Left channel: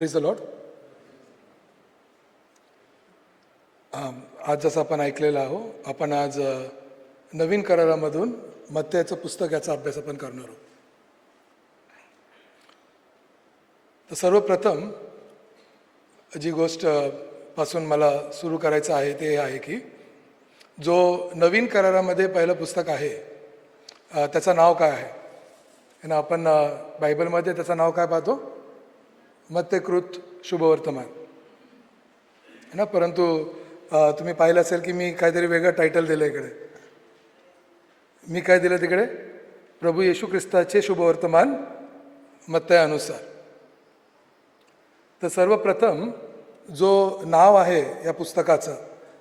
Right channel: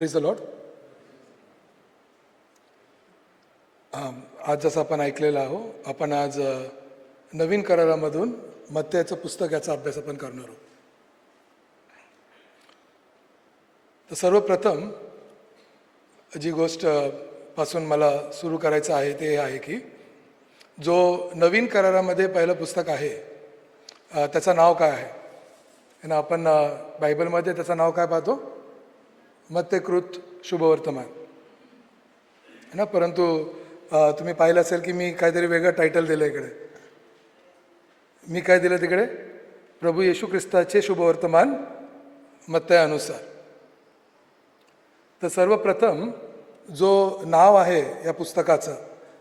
Praise the Lord. आज जसं आपण ऐकलेलं आहोत, आपण आज नवीन करारामधून मत्थ्याचं पुस्तक याचा अभ्यास आपण करणार आहोत. तर सर्वप्रथम जी गोष्ट पासून मला सुरू करायचं आहे ते आहे की जो नवीन करारामध्ये पहिलं पुस्तक आहे त्याचं नाव काय आहे. आणि आपण बायबलमध्ये त्याचं नाव काय पाहतो? मत्थ्यकृत शुभवर्तमान ना. परंतु तुम्ही पाहिलं असेल की मी काहीतरी वेगळं टायटल दिलं इकडे. मी काय दिलं तिकडे? प्रभू येशू ख्रिस्ताचे शुभवर्तमान मत्थ्यानुसार. तर सर्वप्रथम जो नाव आहे या पुस्तकाचं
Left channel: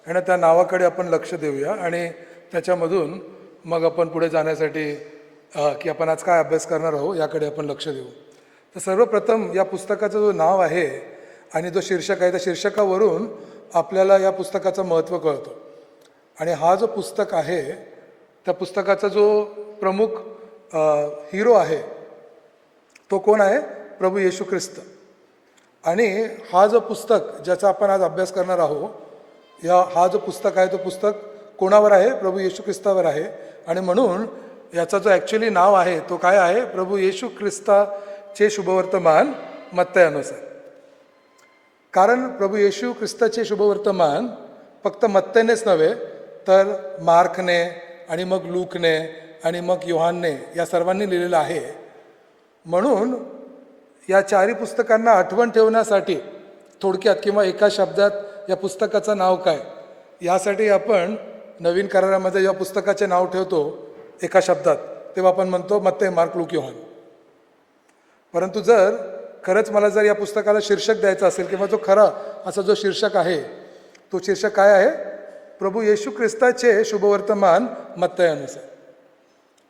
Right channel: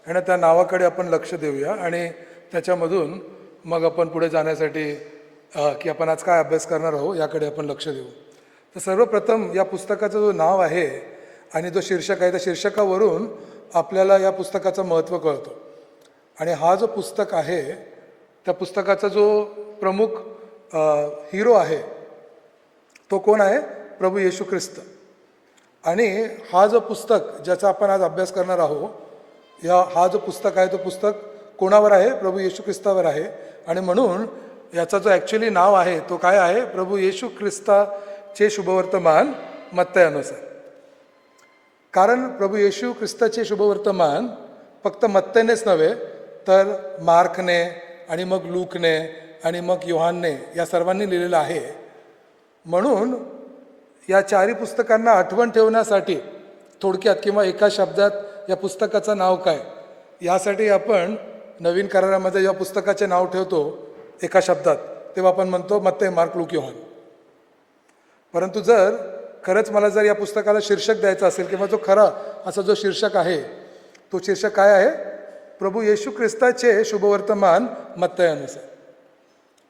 आणि त्या नावाकडे आपण लक्ष देऊया आणि त्याच्यामधून मग आपण पुढे जाण्यासाठी की आपण आज काय अभ्यास करणार आहोत याकडे आपण लक्ष देऊ. तर सर्वप्रथम या पुस्तकाचं जो नाव आहे आणि जो शीर्षक आहे त्या शीर्षकावरून आपल्याला या पुस्तकाचं महत्त्व कळतं. आणि हा जो पुस्तक आहे त्या पुस्तकाचा जो प्रमुख हिरो आहे तो कोण आहे? प्रभू येशू ख्रिस्त. आणि हा जो पुस्तक ज्याचा आपण आज अभ्यास करणार आहोत हा जो पुस्तक आहे तो पुस्तक कोणावर आहे? प्रभू येशू ख्रिस्तावर आहे. आणि म्हणून याचा जो ॲक्च्युली नाव आहे तो काय आहे? प्रभू येशू ख्रिस्ताचे शुभवर्तमान मत्थ्यानुसार. कारण प्रभू येशू ख्रिस्ताचे शुभवर्तमान फक्त मत्थ्यानेच नव्हे तर मार्कने आणि मग लूकने आणि मग योहानने या सर्वांनी लिहिलेलं आहे. म्हणून या चारही पुस्तकांना आठवण ठेवण्यासाठी थोडक्यात किंवा एका शब्दात या पुस्तकाचं नाव काय यासाठी आपण नवीन करारामध्ये या पुस्तकाचे नाव ठेवतो एका शब्दात, तेव्हा आपण म्हणतो मत्थ्य, मार्क, लूक, योहान. परंतु जर खरंच मला जर या पुस्तकाला शीर्षक द्यायचं असेल किंवा जो खरा असा जो शीर्षक आहे तो शीर्षक काय आहे? प्रभू येशू ख्रिस्ताचे शुभवर्तमान मत्थ्यानुसार.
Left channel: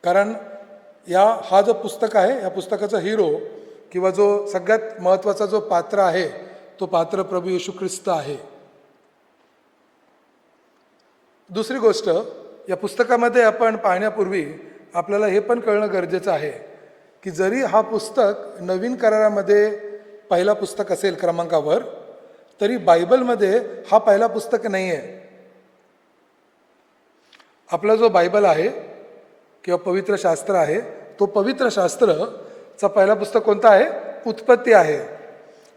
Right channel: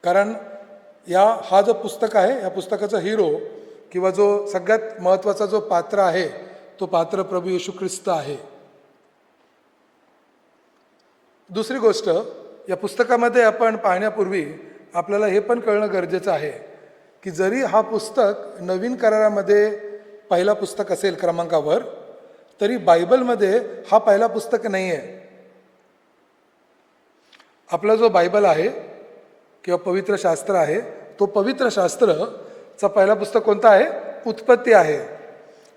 कारण हा जो पुस्तक आहे या पुस्तकाचा हिरो किंवा जो सगळ्यात महत्वाचा जो पात्र आहे तो पात्र प्रभू येशू ख्रिस्त आहे. दुसरी गोष्ट, या पुस्तकामध्ये आपण पाहण्यापूर्वी आपल्याला हे पण कळणं गरजेचं आहे की जरी हा पुस्तक नवीन करारामध्ये पहिला पुस्तक असेल क्रमांकावर, तरी बायबलमध्ये हा पहिला पुस्तक नाही आहे. आपला जो बायबल आहे किंवा पवित्र शास्त्र आहे तो पवित्र शास्त्रचा पहिला पुस्तक कोणता आहे? उत्पत्ती आहे.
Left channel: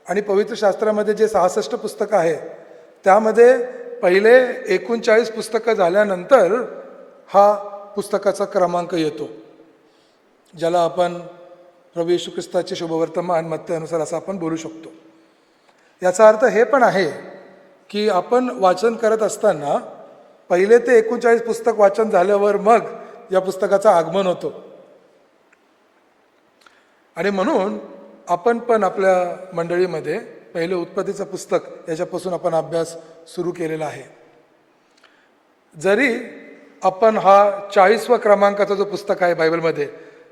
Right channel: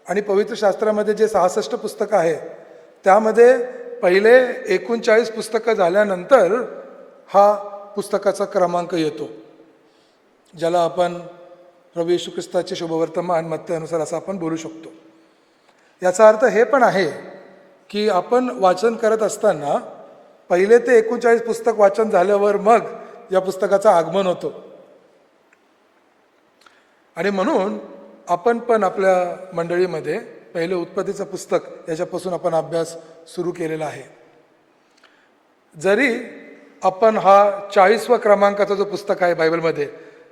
आणि पवित्र शास्त्रामध्ये जे 66 पुस्तकं आहे त्यामध्ये पहिले 39 पुस्तकं झाल्यानंतर हा पुस्तकाचा क्रमांक येतो, ज्याला आपण प्रभू येशू ख्रिस्ताचे शुभवर्तमान मत्थ्यानुसार असं आपण बोलू शकतो. याचा अर्थ हे पण आहे की आपण वाचन करत असताना पहिले ते 39 पुस्तक वाचन झाल्यावर मग या पुस्तकाचं आगमन होतं. आणि म्हणून आपण पण आपल्या मंडळीमध्ये पहिले उत्पत्तीचं पुस्तक याच्यापासून आपण अभ्यास सुरू केलेला आहे. जरी आपण हा 40व्या क्रमांकाचा जो पुस्तक आहे बायबलमध्ये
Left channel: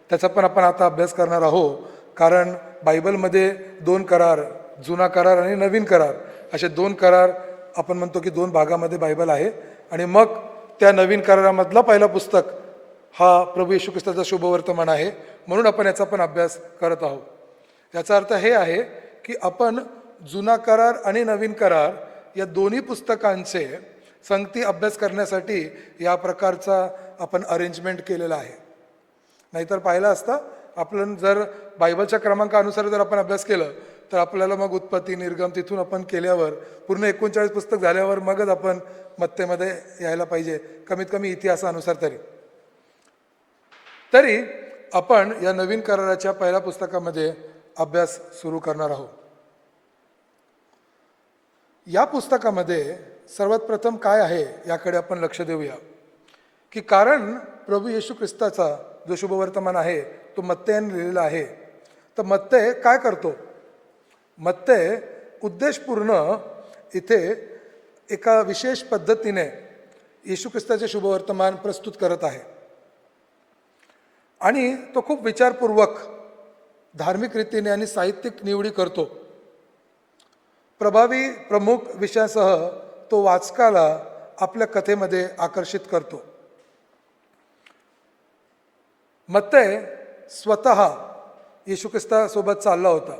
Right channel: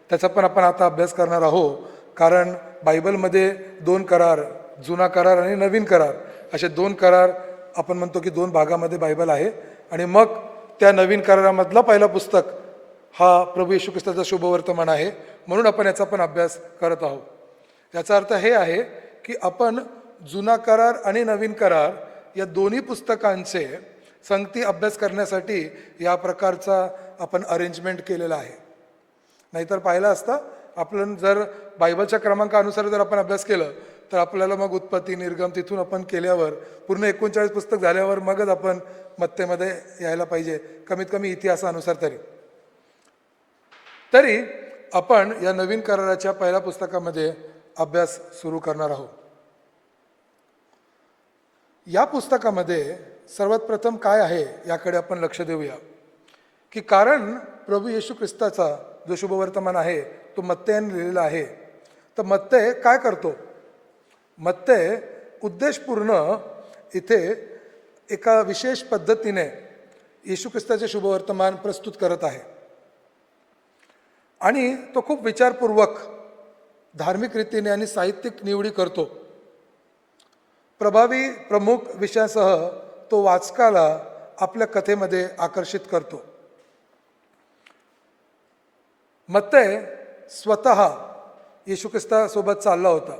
त्याचा पण आपण आता अभ्यास करणार आहोत. कारण बायबलमध्ये 2 करार, जुना करार आणि नवीन करार असे 2 करार आपण म्हणतो की 2 भागामध्ये बायबल आहे. आणि मग त्या नवीन करारामधला पहिला पुस्तक हा प्रभू येशू ख्रिस्ताचा शुभवर्तमान आहे. म्हणून आपण याचा पण अभ्यास करत आहोत. याचा अर्थ हे आहे की आपण जुना करार आणि नवीन करार या दोन्ही पुस्तकांचे संगती अभ्यास करण्यासाठी या प्रकारचा आपण अरेंजमेंट केलेला आहे. नाहीतर पाहिलं असतं आपण जर बायबलच्या क्रमांकानुसार जर आपण अभ्यास केलं तर आपल्याला मग उत्पत्ती, निर्गम तिथून आपण केल्यावर पूर्ण 39 पुस्तक झाल्यावर मगच आपण मत्थ्यमध्ये यायला पाहिजे, कमीत कमी इतिहासानुसार तरी आपण या नवीन कराराच्या पहिल्या पुस्तकामध्ये अभ्यास सुरू करणार आहोत. या पुस्तकामध्ये सर्वात प्रथम काय आहे याकडे आपण लक्ष देऊया की कारण प्रभू येशू ख्रिस्ताचा जो शुभवर्तमान आहे तो मत्थ्याने लिहिलेला आहे. तर मत्थ्य काय करतो? मत्थ्य उद्देशपूर्ण इथे एका विशेष पद्धतीने येशू ख्रिस्ताचे शुभवर्तमान प्रस्तुत करत आहे. आणि तो खूप विचारपूर्वक धार्मिक रीतीने आणि साहित्यिक निवडी करतो. प्रभावी प्रमुख विषयासह तो वाचकाला आपल्या कथेमध्ये आकर्षित करतो. मत्थ्य स्वतः येशू ख्रिस्तासोबत चालला होता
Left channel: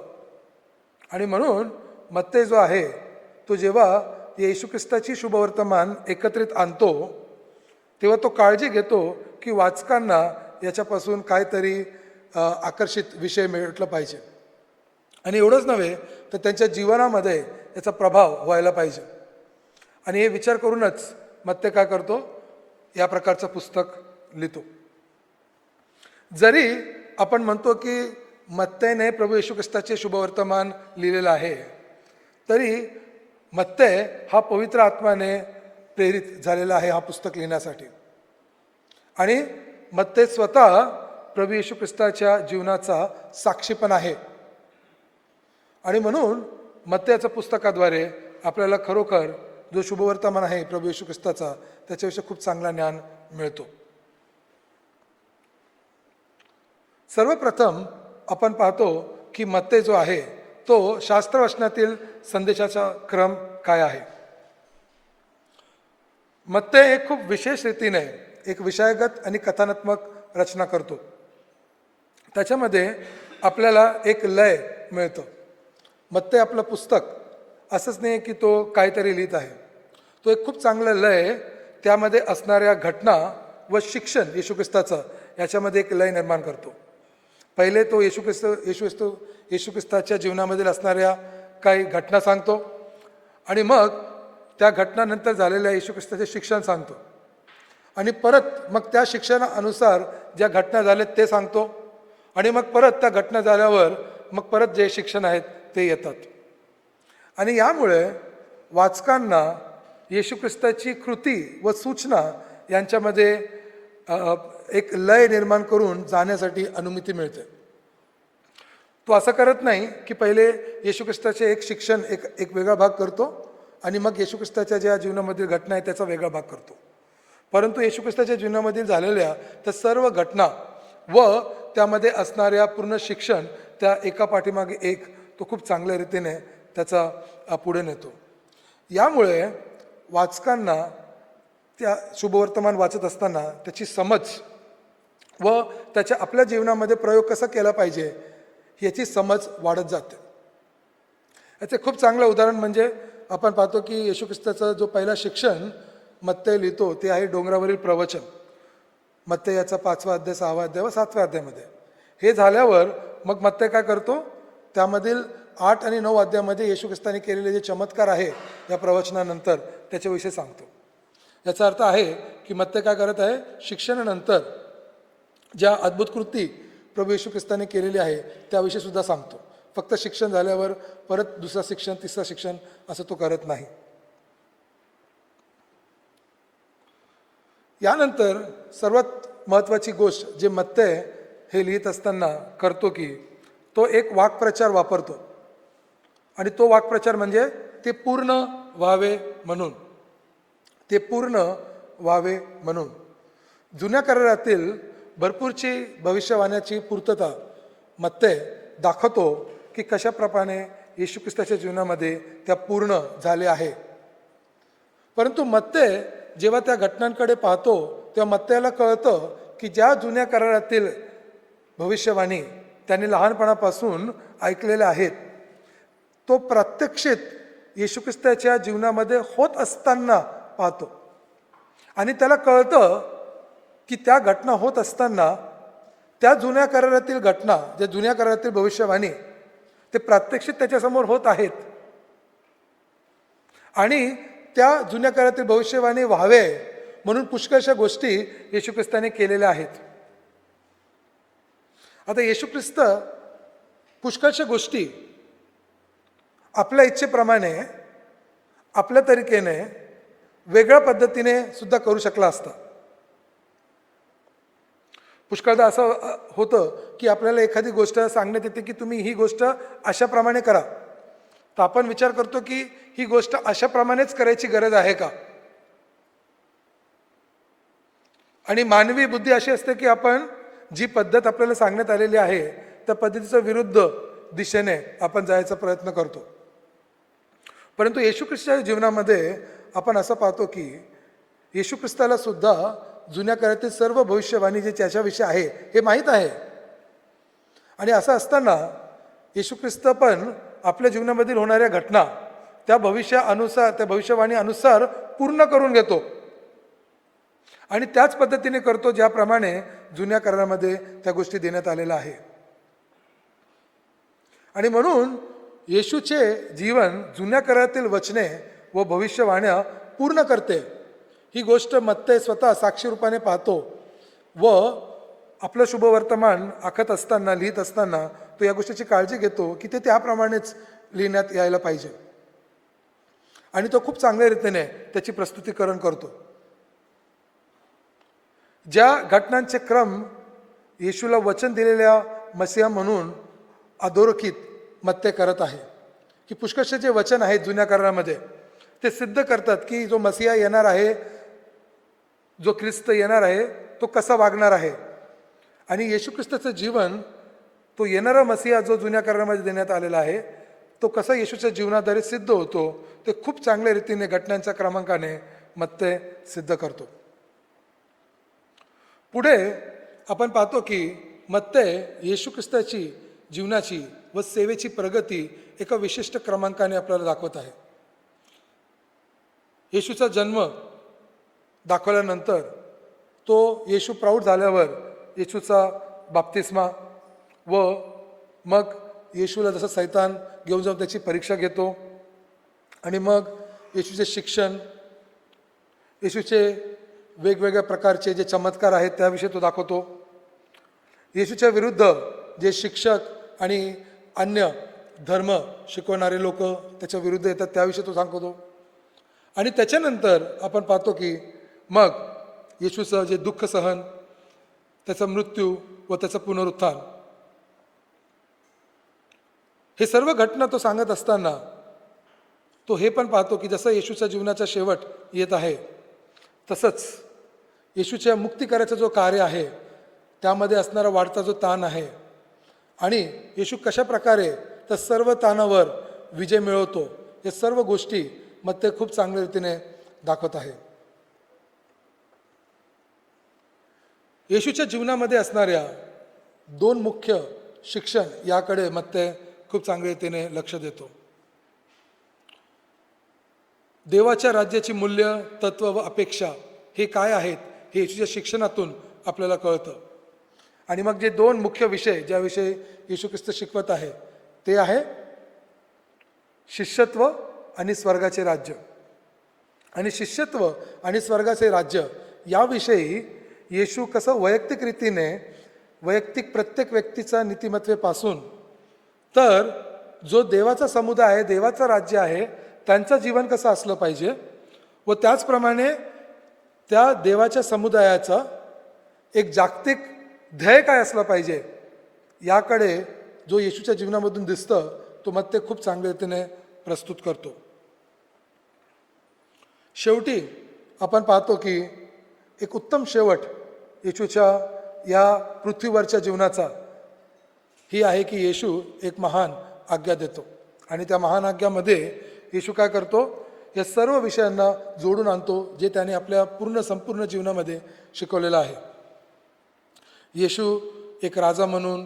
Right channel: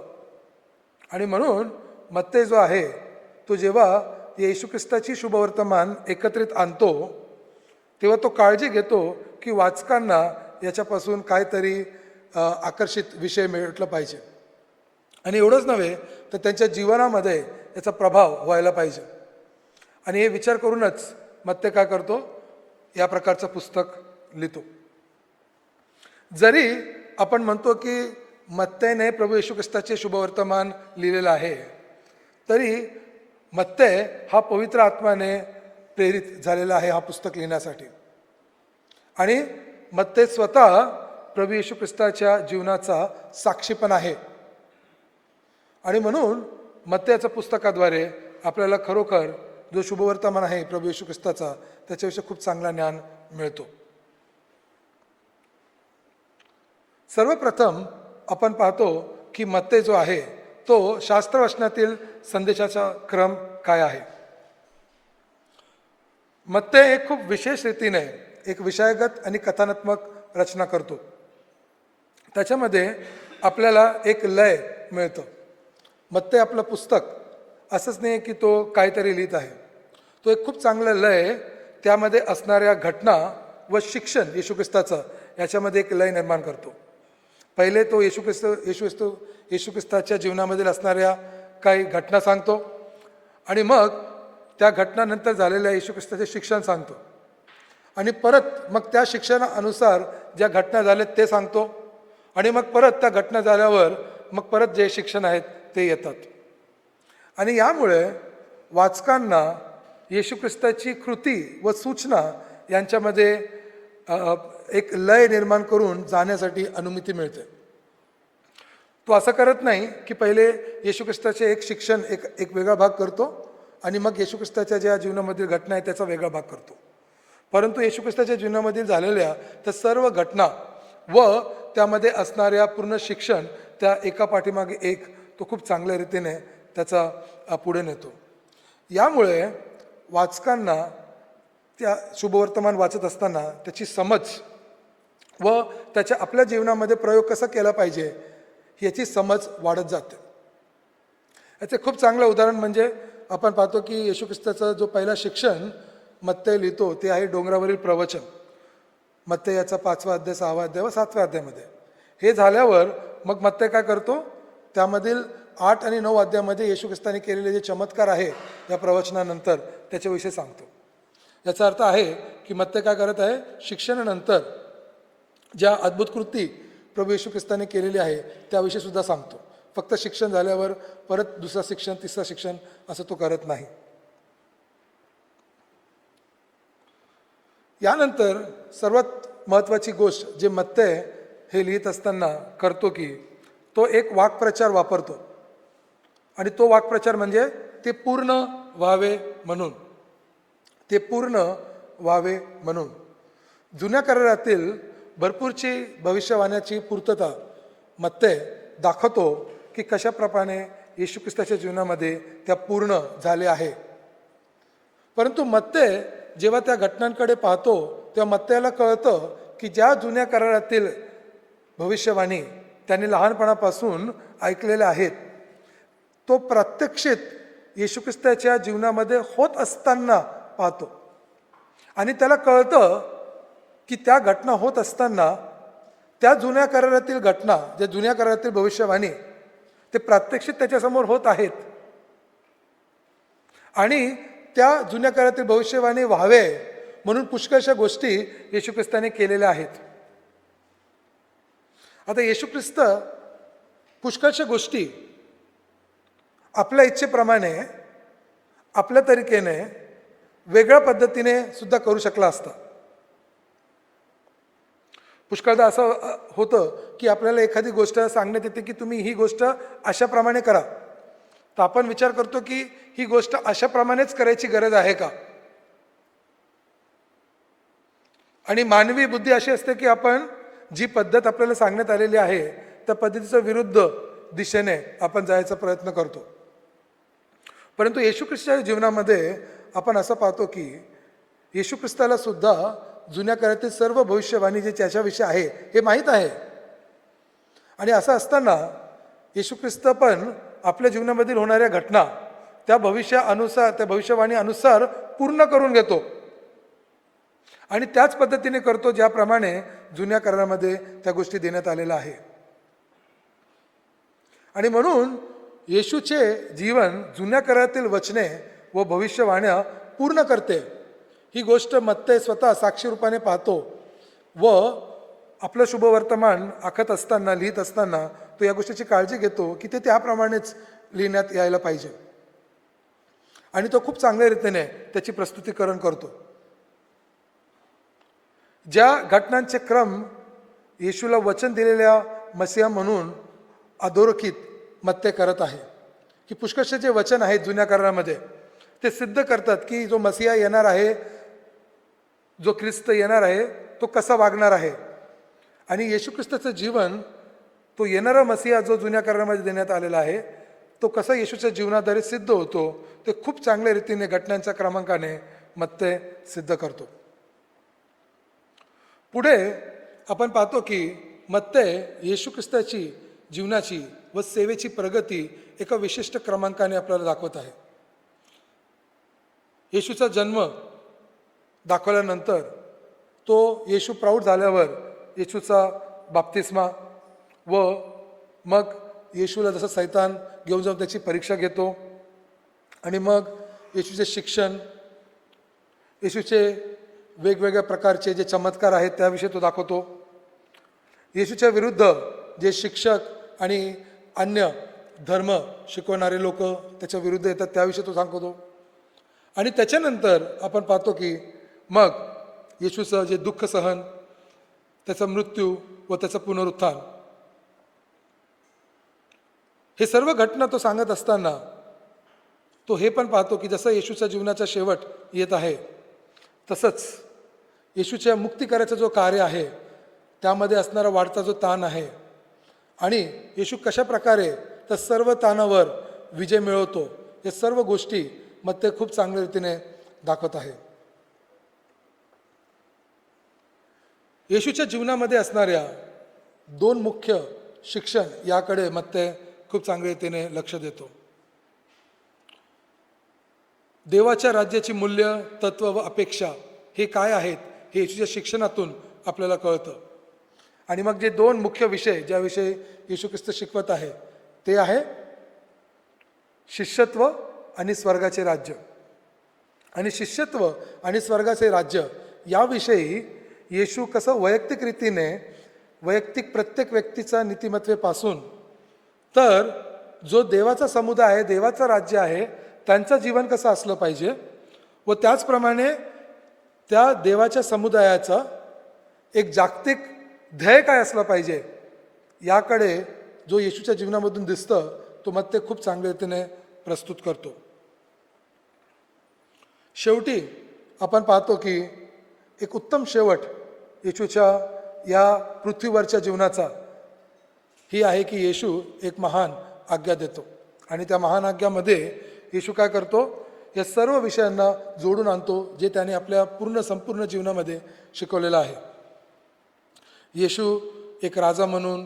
आणि म्हणून मत्तय जो आहे तो जेव्हा येशू ख्रिस्ताची शुभवर्तमान एकत्रित आणतो तेव्हा तो काळजी घेतो की वाचकांना याच्यापासून काहीतरी आकर्षित विषय मिळला पाहिजे आणि एवढंच नव्हे तर त्यांच्या जीवनामध्ये याचा प्रभाव व्हायला पाहिजे. आणि हे विचार करूनच मत्तय काय करतो, या प्रकारचं पुस्तक लिहितो. जरी आपण म्हणतो की मत्तयने प्रभू येशू ख्रिस्ताचे शुभवर्तमान लिहिलेलं आहे, तरी मत्तय हा पवित्र आत्म्याने प्रेरित झालेला आहे हा पुस्तक लिहिण्यासाठी. आणि मत्तय स्वतः प्रभू येशू ख्रिस्ताच्या जीवनाचा साक्षी पण आहे. आणि म्हणून मत्तयाच्या पुस्तकाद्वारे आपल्याला खरोखर जो शुभवर्तमान आहे प्रभू येशू ख्रिस्ताचा त्याच्याविषयी खूप चांगला ज्ञान मिळतो. सर्वप्रथम आपण पाहतो की मत्तय जो आहे तो शास्त्र वाचनातील संदेशाचा क्रम काय आहे. मत्तय एक खूप विशेष रीतीने एक विषयगत आणि कथनात्मक रचना करतो. त्याच्यामध्ये आपल्याला एक लय मिळतो. मत्तय आपलं पुस्तक असंच नाही की तो काहीतरी लिहित आहे, तो एक खूप चांगलं लय, त्यामध्ये असणाऱ्या घटना व शिक्षण येशू ख्रिस्ताचं याच्यामध्ये एक लय निर्माण करतो. पहिले तो येशू ख्रिस्ताच्या जीवनामधील असणाऱ्या काही घटना सांगतो आणि मग त्या घटनानंतर झालेल्या येशू ख्रिस्ताचे शिक्षण सांगतो आणि परत मग त्या शिक्षणानुसार ज्या घटना झाल्यात ते सांगतो आणि मग परत त्या घटना झाल्यावर मग परत जे शिक्षण आहेत ते येतात. आणि यामुळे वाचकांना येशू ख्रिस्ताची कृती व सूचना यांच्यामध्ये एक लय निर्माण करून जाण्यासाठी अनुमती मिळते. तो असं करत नाही की पहिले येशू ख्रिस्ताचे एक शिक्षण एक वेगळा भाग करतो आणि मग येशू ख्रिस्ताच्या ज्या जीवनामधील घटना आहे त्याचा वेगळा भाग करतो. परंतु येशू ख्रिस्ताच्या जीवनामधील झालेल्या त्या सर्व घटना व त्यामध्ये असणाऱ्या पूर्ण शिक्षण त्या एका पाठीमागे एक तो खूप चांगल्या रीतीने त्याचा पुढे नेतो. यामुळे वाचकांना त्या शुभवर्तमान वाचत असताना त्याची समज व त्याच्या आपल्या जीवनामध्ये प्रयोग कसा केला पाहिजे याची समज वाढत जाते. याचे खूप चांगलं उदाहरण म्हणजे आपण पाहतो की येशू ख्रिस्ताचा जो पहिला शिक्षण मत्तय लिहितो ते आहे डोंगरावरील प्रवचन. मत्तय याचा 5वा अध्याय 6वा अध्याय व 7व्या अध्यायामध्ये. हे झाल्यावर मग मत्तय काय करतो, त्यामधील 8 आणि 9 अध्यायामध्ये येशू ख्रिस्ताने केलेले जे चमत्कार आहे या प्रवचनानंतर त्याच्याविषयी सांगतो. याचा अर्थ आहे की मत्तय काय करत आहे, शिक्षणानंतर ज्या अद्भुत कृती प्रभू येशू ख्रिस्ताने केलेली आहे त्याविषयी सुद्धा सांगतो. फक्त शिक्षण झाल्यावर परत दुसरं शिक्षण तिसरं शिक्षण असं तो करत नाही. यानंतर सर्वात महत्वाची गोष्ट जे मत्तय हे लिहित असताना करतो की तो एक वाक्प्रचार वापरतो आणि तो वाक्प्रचार म्हणजे ते पूर्ण व्हावे म्हणून. ते पूर्ण व्हावे म्हणून जुन्या करारातील भरपूरची भविष्यवाण्याची पूर्तता मत्तय दाखवतो की कशाप्रमाणे येशू ख्रिस्ताच्या जीवनामध्ये त्या पूर्ण झाल्या आहे. परंतु मत्तय जेव्हा त्या घटनांकडे पाहतो तेव्हा मत्तयाला कळतं की ज्या जुन्या करारातील भविष्यवाणी त्यांनी लहानपणापासून ऐकलेल्या आहेत तो प्रत्यक्षित येशू ख्रिस्ताच्या जीवनामध्ये होत असताना पाहतो. आणि त्याला कळतं की त्या घटना होत असताना त्या जुन्या करारातील घटना, ज्या जुन्या करारातील भविष्यवाणी ते प्रात्यक्षिक त्याच्यासमोर होत आहेत आणि त्या जुन्या काळातील भविष्यवाणी व्हावे म्हणून पुष्कळशा गोष्टी येशू ख्रिस्ताने केलेल्या आहेत. आता येशू ख्रिस्त पुष्कळशा गोष्टी आपल्या इच्छेप्रमाणे आपल्या तरीकेने वेगळ्या पद्धतीने सुद्धा करू शकला असता. पुष्कळदा असं होतं की आपल्याला एखादी गोष्ट सांगण्यात येते की तुम्ही ही गोष्ट अशाप्रमाणे करा, तर आपण विचार करतो की ही गोष्ट अशाप्रमाणेच करायची गरज आहे का. आणि मानवी बुद्धी अशी असते की आपण जी पद्धत आपल्याला सांगण्यात आलेली आहे त्या पद्धतीच्या विरुद्ध दिशेने आपण जायचा प्रयत्न करतो. परंतु येशू ख्रिस्ताच्या जीवनामध्ये आपण असं पाहतो की येशू ख्रिस्ताला सुद्धा जुन्या काळातील सर्व भविष्यवाणी जे त्याच्याविषयी आहे हे माहीत आहे. आणि असं असताना येशू ख्रिस्त पण आपल्या जीवनामधील होणाऱ्या घटना त्या भविष्यवाणी अनुसार पूर्ण करून घेतो आणि त्याच पद्धतीने करतो ज्याप्रमाणे जुन्या करारामध्ये त्या गोष्टी देण्यात आलेल्या आहे. आणि म्हणून येशूचे जीवन जुन्या करारातील वचने व भविष्यवाण्या पूर्ण करते. ही गोष्ट मत्तय स्वतः साक्षी रूपाने पाहतो व आपलं शुभवर्तमान आखत असताना, लिहित असताना तो या गोष्टीची काळजी घेतो की ते त्याप्रमाणेच लिहिण्यात यायला पाहिजे आणि तो खूप चांगल्या रीतीने त्याची प्रस्तुतीकरण करतो. ज्या घटनांचे क्रम येशूला वचन दिलेल्या मसीहा म्हणून अधोरेखित मत्ते करत आहे की पुष्कळसे जे वचन आहेत जुन्या करारामध्ये ते सिद्ध करतात की जो मसीहा येणार आहे, जो ख्रिस्त येणार आहे, तो कसा वागणार आहे. आणि येशू ख्रिस्ताचं जीवन, तो येणारा मसीहा जो जुन्या करारामध्ये देण्यात आलेला आहे, तो कसा येशूच्या जीवनाद्वारे सिद्ध होतो ते खूप चांगल्या रीतीने घटनांच्या क्रमांकाने मत्ते सिद्ध करतो. पुढे आपण पाहतो की मत्ते येशू ख्रिस्ताची जीवनाची व सेवेची प्रगती एका विशिष्ट क्रमांकाने आपल्याला दाखवत आहे. येशूचा जन्म दाखवल्यानंतर तो येशू प्रौढ झाल्यावर येशूचा बाप्तिस्मा व मग येशूला जसं सैतान घेऊन जाऊन त्याची परीक्षा घेतो आणि मग येशूचे शिक्षण, येशूचे वेगवेगळ्या प्रकारचे जे चमत्कार आहेत त्याविषयी तो दाखवतो. येशूच्या विरुद्ध जे शिक्षक आणि अन्य धर्म शिकवणारे लोक त्याच्या विरुद्ध येतात त्याविषयी तो सांगतो. आणि त्याच्यानंतर आपण पाहतो की मग येशूचं जे दुःख सहन, त्याचा मृत्यू व त्याचं पुनरुत्थान, हे सर्व घटना तो सांगत असताना तो हे पण पाहतो की जसं येशूच्या जीवनाचा शेवट येत आहे तसंच येशूच्या मुक्ती करायचं जो कार्य आहे त्यामध्ये असणारा वाढता जो ताण आहे आणि येशू कशा प्रकारे त्या सर्व ताणावर विजय मिळवतो, या सर्व गोष्टी मग ते खूप चांगल्या रीतीने दाखवत आहे. येशूच्या जीवनामध्ये असणाऱ्या दोन मुख्य शिक्षण याकडे मग ते खूप चांगल्या रीतीने लक्ष देतो. देवाच्या राज्याची मूल्य, तत्व, अपेक्षा हे काय आहेत हे येशूच्या शिक्षणातून आपल्याला कळतं. आणि मग जे दोन मुख्य विषय ज्याविषयी येशू ख्रिस्त शिकवत आहे ते आहे शिष्यत्व आणि स्वर्गाचे राज्य. आणि शिष्यत्व आणि स्वर्गाचे राज्य याविषयी येशू कसं वैयक्तिक रीतीने, वैयक्तिक प्रत्येक व्यक्तीचा नीतिमत्वेपासून तर जो देवाचा समुदाय आहे, देवाचं राज्य आहे, त्यांचं जीवन कसं असलं पाहिजे व त्याचप्रमाणे त्या देवाच्या समुदायाचा एक जागतिक ध्येय काय असलं पाहिजे याकडे जो येशूच्या जीवनामधून दिसतं तो मग ते खूप चांगल्या रीतीने प्रस्तुत करतो. शेवटी आपण पाहतो की एक उत्तम शेवट येशूच्या या पृथ्वीवरच्या जीवनाचा ही आहे की येशू एक महान आज्ञा देतो आणि त्या महान आज्ञामध्ये येशू काय करतो, या सर्व विषयांना जोडून आणतो जे त्याने आपल्या संपूर्ण जीवनामध्ये शिकवलेलं आहे. येशू एक राजा म्हणून,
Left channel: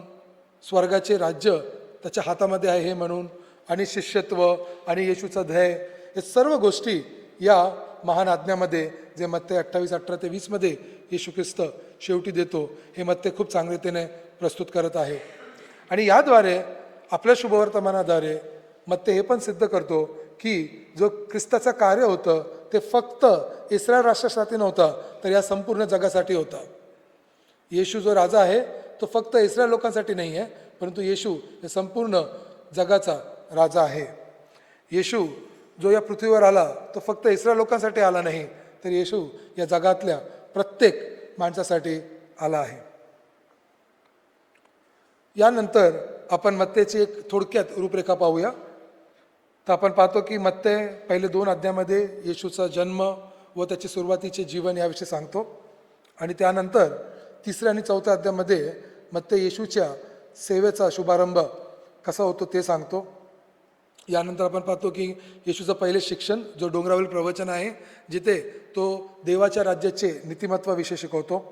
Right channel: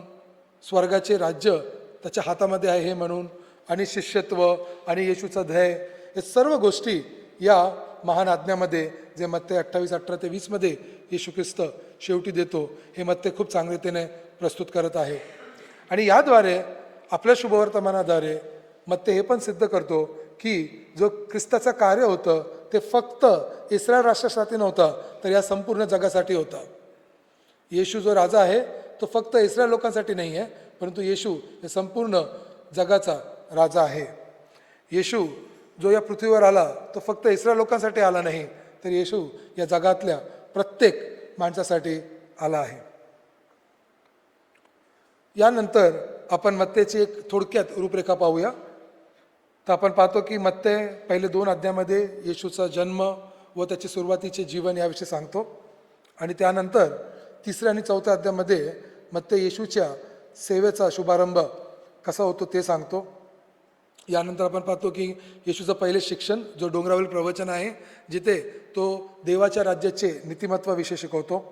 स्वर्गाचे राज्य त्याच्या हातामध्ये आहे हे म्हणून, आणि शिष्यत्व आणि येशूचं ध्येय, हे सर्व गोष्टी या महान आज्ञामध्ये जे मत्ते 28:18-20 मध्ये येशू ख्रिस्त शेवटी देतो हे मत्ते खूप चांगलीतेने प्रस्तुत करत आहे. आणि याद्वारे आपल्या शुभवर्तमानाद्वारे मत्ते हे पण सिद्ध करतो की जो ख्रिस्ताचं कार्य होतं ते फक्त इस्रायल राष्ट्रासाठी नव्हता तर या संपूर्ण जगासाठी होता. येशू जो राजा आहे तो फक्त इस्रायल लोकांसाठी नाही आहे, परंतु येशू हे संपूर्ण जगाचा राजा आहे. येशू जो या पृथ्वीवर आला तो फक्त इस्रायल लोकांसाठी आला नाही, तर येशू या जगातल्या प्रत्येक माणसासाठी आला आहे. यानंतर आपण मत्तेची एक थोडक्यात रूपरेखा पाहूया. तर आपण पाहतो की मत्ते पहिले 2 अध्यायामध्ये येशूचा जन्म व त्याचे सुरुवातीचे जीवन याविषयी सांगतो आणि त्यानंतर 3 आणि 4 अध्यायामध्ये मत्ते येशूच्या सेवेचा शुभारंभ कसा होतो ते सांगतो. यानंतर आपण पाहतो की येशूचं पहिले शिक्षण जो डोंगरावरील प्रवचन आहे जिथे तो देवाच्या राज्याचे नीतिमत्वाविषयी शिकवतो.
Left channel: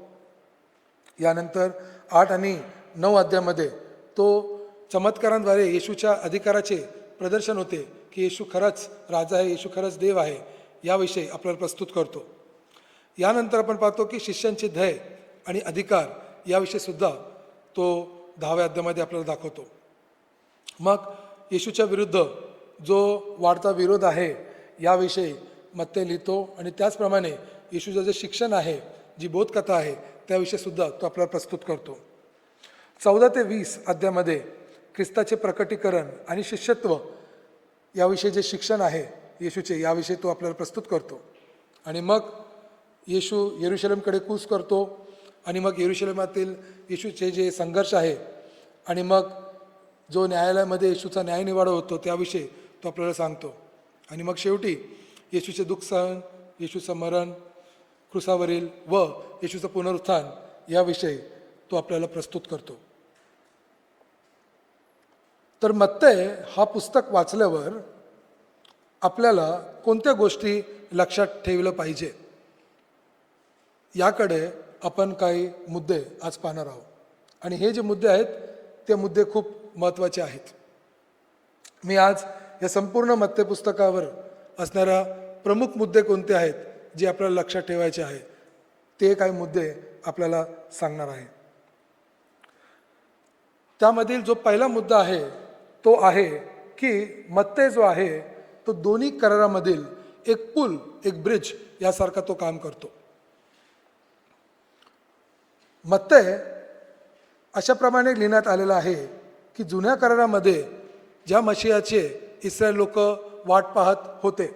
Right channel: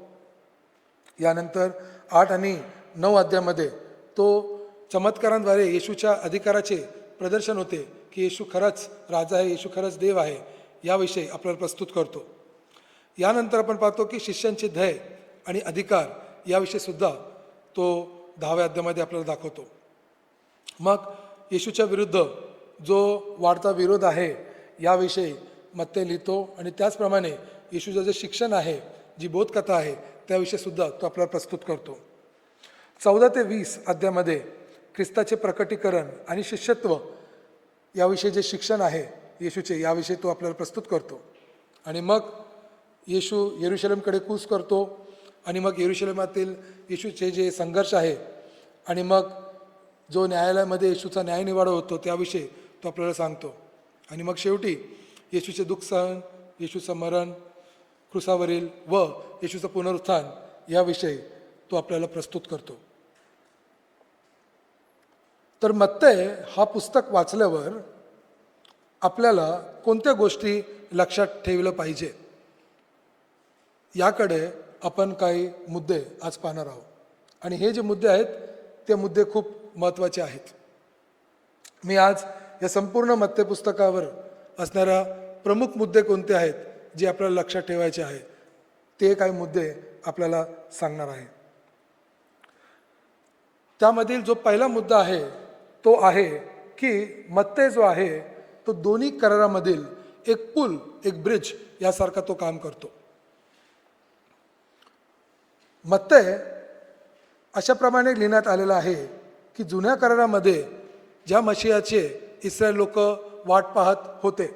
यानंतर 8 आणि 9 अध्यायामध्ये तो चमत्कारांद्वारे येशूच्या अधिकाराचे प्रदर्शन होते की येशू खरंच राजा आहे, येशू खरंच देव आहे, याविषयी आपल्याला प्रस्तुत करतो. यानंतर आपण पाहतो की शिष्यांची ध्येय आणि अधिकार याविषयी सुद्धा तो 10व्या अध्यायामध्ये आपल्याला दाखवतो. मग येशूच्या विरुद्ध जो वाढता विरोध आहे याविषयी मत्ते लिहितो आणि त्याचप्रमाणे येशूचं जे शिक्षण आहे, जी बोधकथा आहे, त्याविषयी सुद्धा तो आपल्याला प्रस्तुत करतो. 14 ते 20 अध्यायामध्ये ख्रिस्ताचे प्रकटीकरण आणि शिष्यत्व याविषयी जे शिक्षण आहे येशूचे, याविषयी तो आपल्याला प्रस्तुत करतो. आणि मग येशू येरुशलेमकडे कूच करतो आणि मग येरुशलेमातील येशूचे जे संघर्ष आहे आणि मग जो न्यायालयामध्ये येशूचा न्यायनिवाडा होतो त्याविषयी तो आपल्याला सांगतो. आणि मग शेवटी येशूचे दुःख सहन, येशूचं मरण क्रुसावरील व येशूचं पुनरुत्थान याविषयी तो आपल्याला प्रस्तुत करतो. तर मत्ते हा पुस्तक वाचल्यावर आपल्याला कोणत्या गोष्टी लक्षात ठेवलं पाहिजे याकडे आपण काही मुद्दे आज पाहणार आहोत. आणि हे जे मुद्दे आहेत ते मुद्दे खूप महत्त्वाचे आहेत. मी आज या संपूर्ण मत्ते पुस्तकावर असणाऱ्या प्रमुख मुद्दे कोणते आहेत जे आपल्याला लक्षात ठेवायचे आहे ते काही मुद्दे आपल्याला सांगणार आहे. त्यामधील जो पहिला मुद्दा आहे तो आहे की मत्ते जो आहे तो दोन्ही करारामधील एक पूल, एक ब्रिज यासारखा तो काम करतो. मत्ते अशा प्रमाणे लिहिण्यात आलेलं आहे की जुन्या करारामध्ये ज्या मशिहाचे इस्रायल लोक वाट पाहत होते